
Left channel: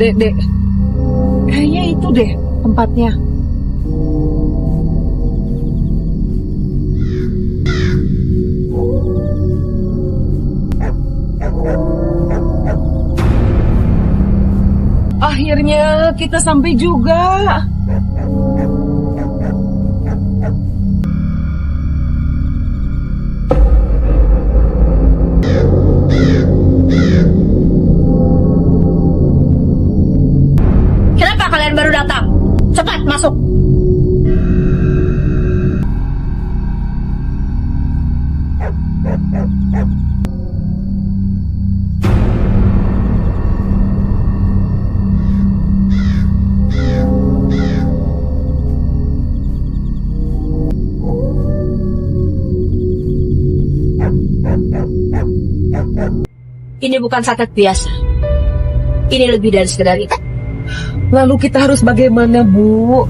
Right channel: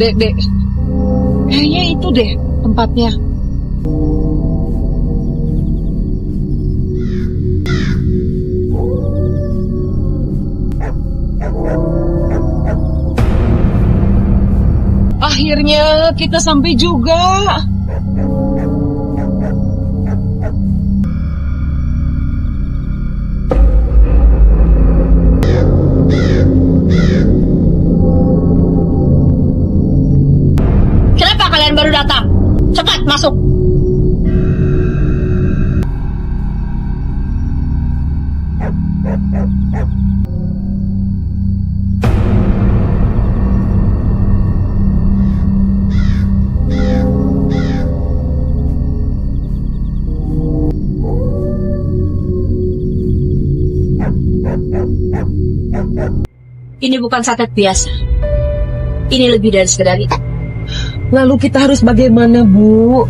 Dek, kayaknya itu deh tempatnya. Akhirnya kita sampai juga. Ini bukan santet biasa. Ini lebih dari sekedar itu. Lalu kita harus bagaimana, Bu?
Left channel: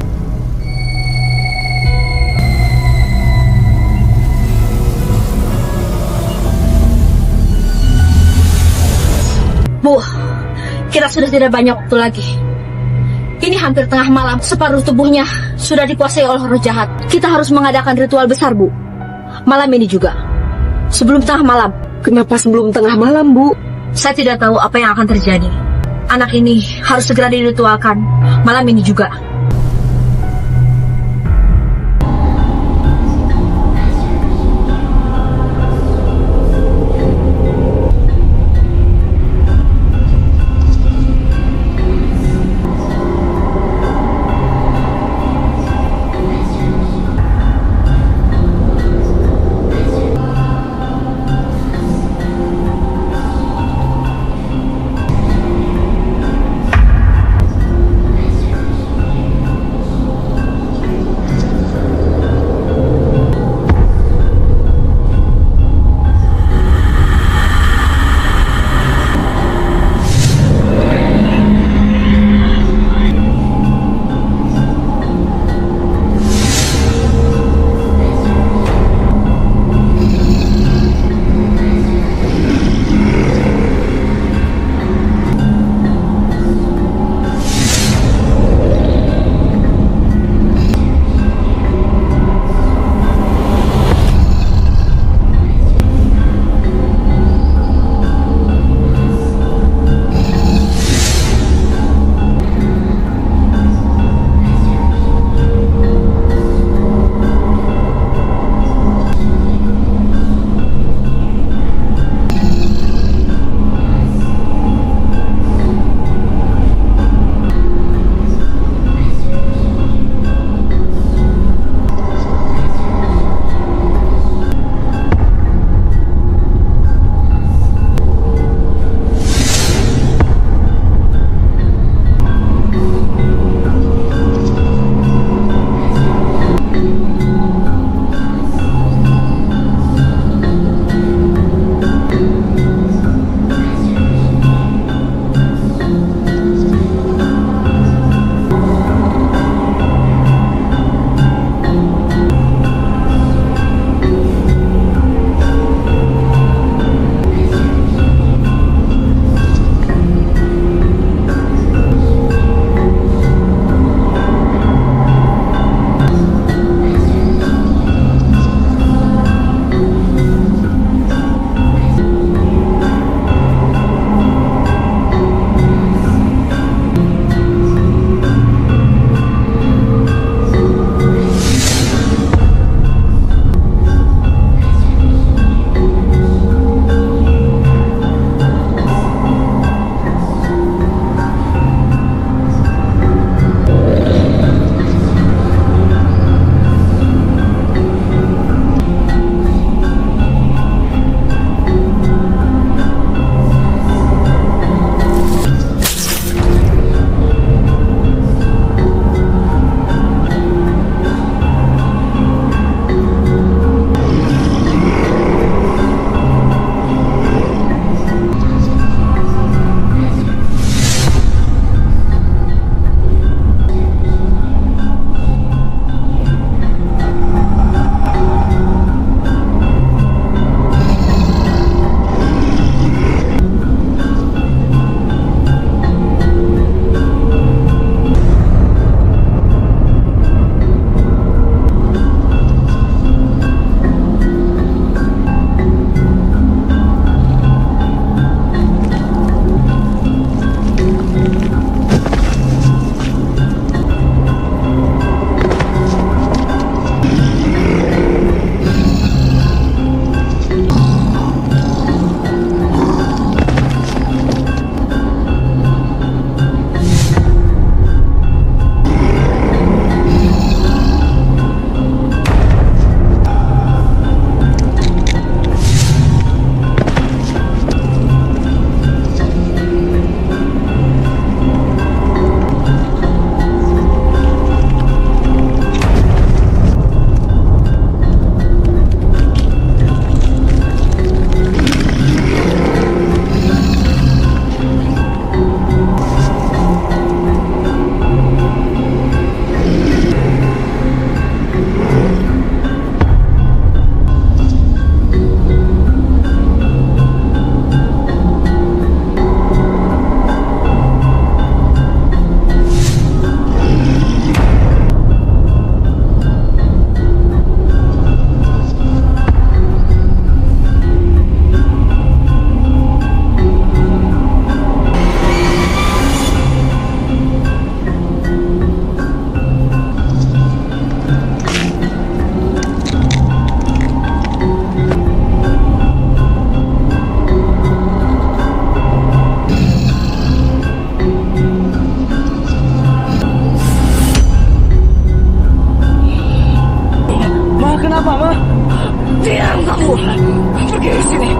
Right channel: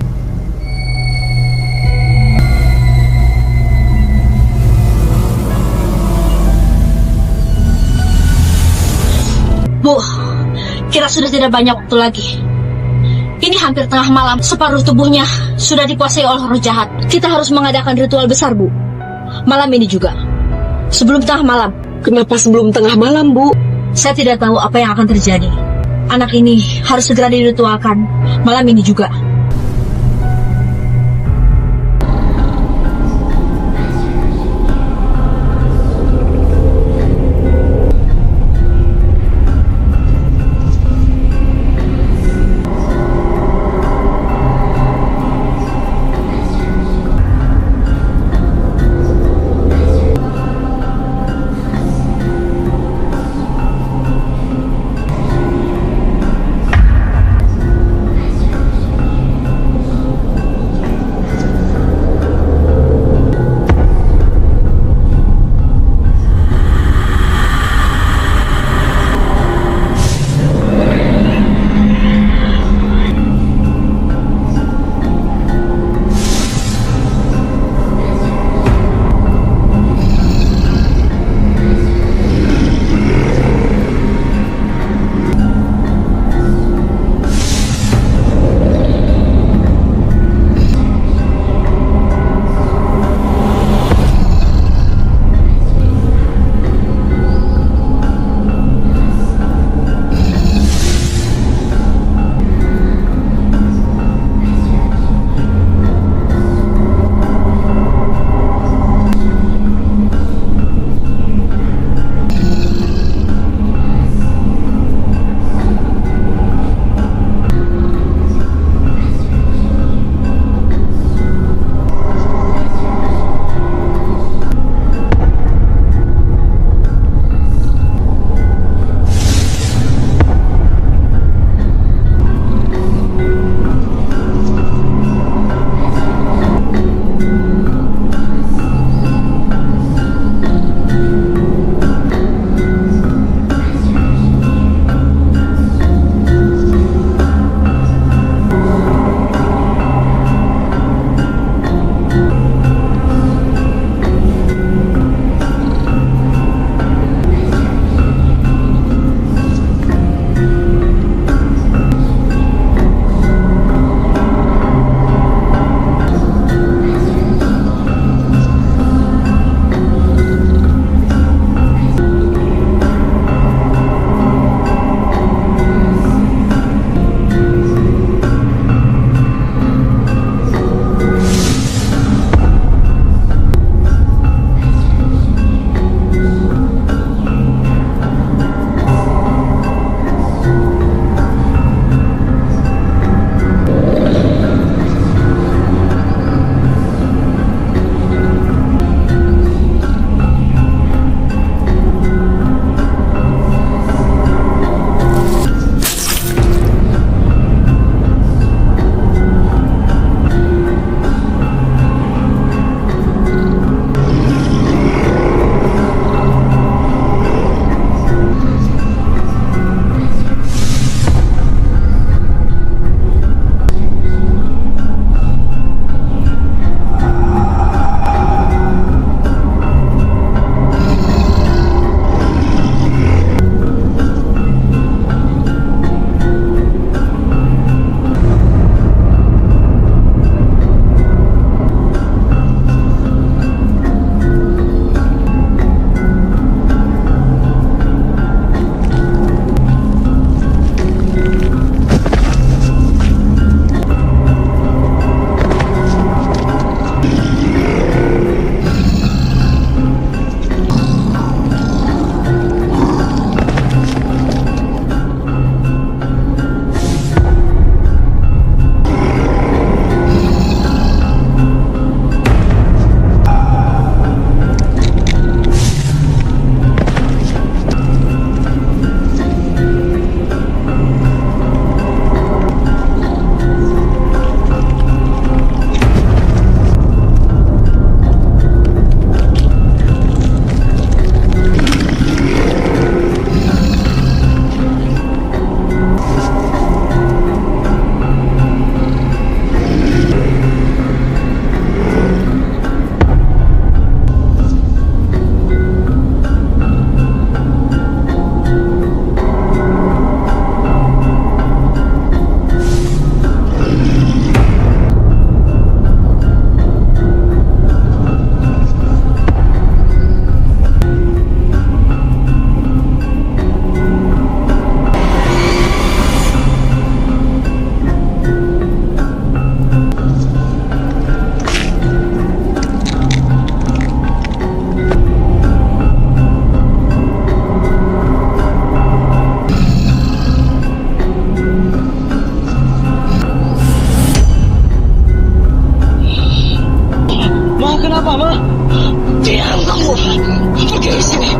Bu, kita sudah tidak banyak waktu lagi. Ini hampir tengah malam, separuh tubuhnya sudah dikuasai oleh roh jahat. Kita harus mengadakan ritual besar, Bu. Malam ini juga. Sebelum tengah malam. Kenapa sebelum tengah malam, Bu? Saya tidak tahu apa yang akan terjadi. Anak ini harus segera diritualkan. Malam ini juga. kenapa, Ma? Diam kamu. Pergi dari sini.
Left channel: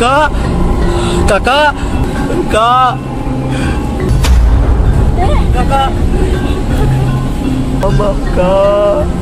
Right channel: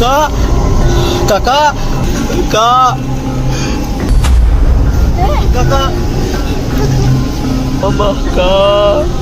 Kak, kakak, kakak, mama, kak.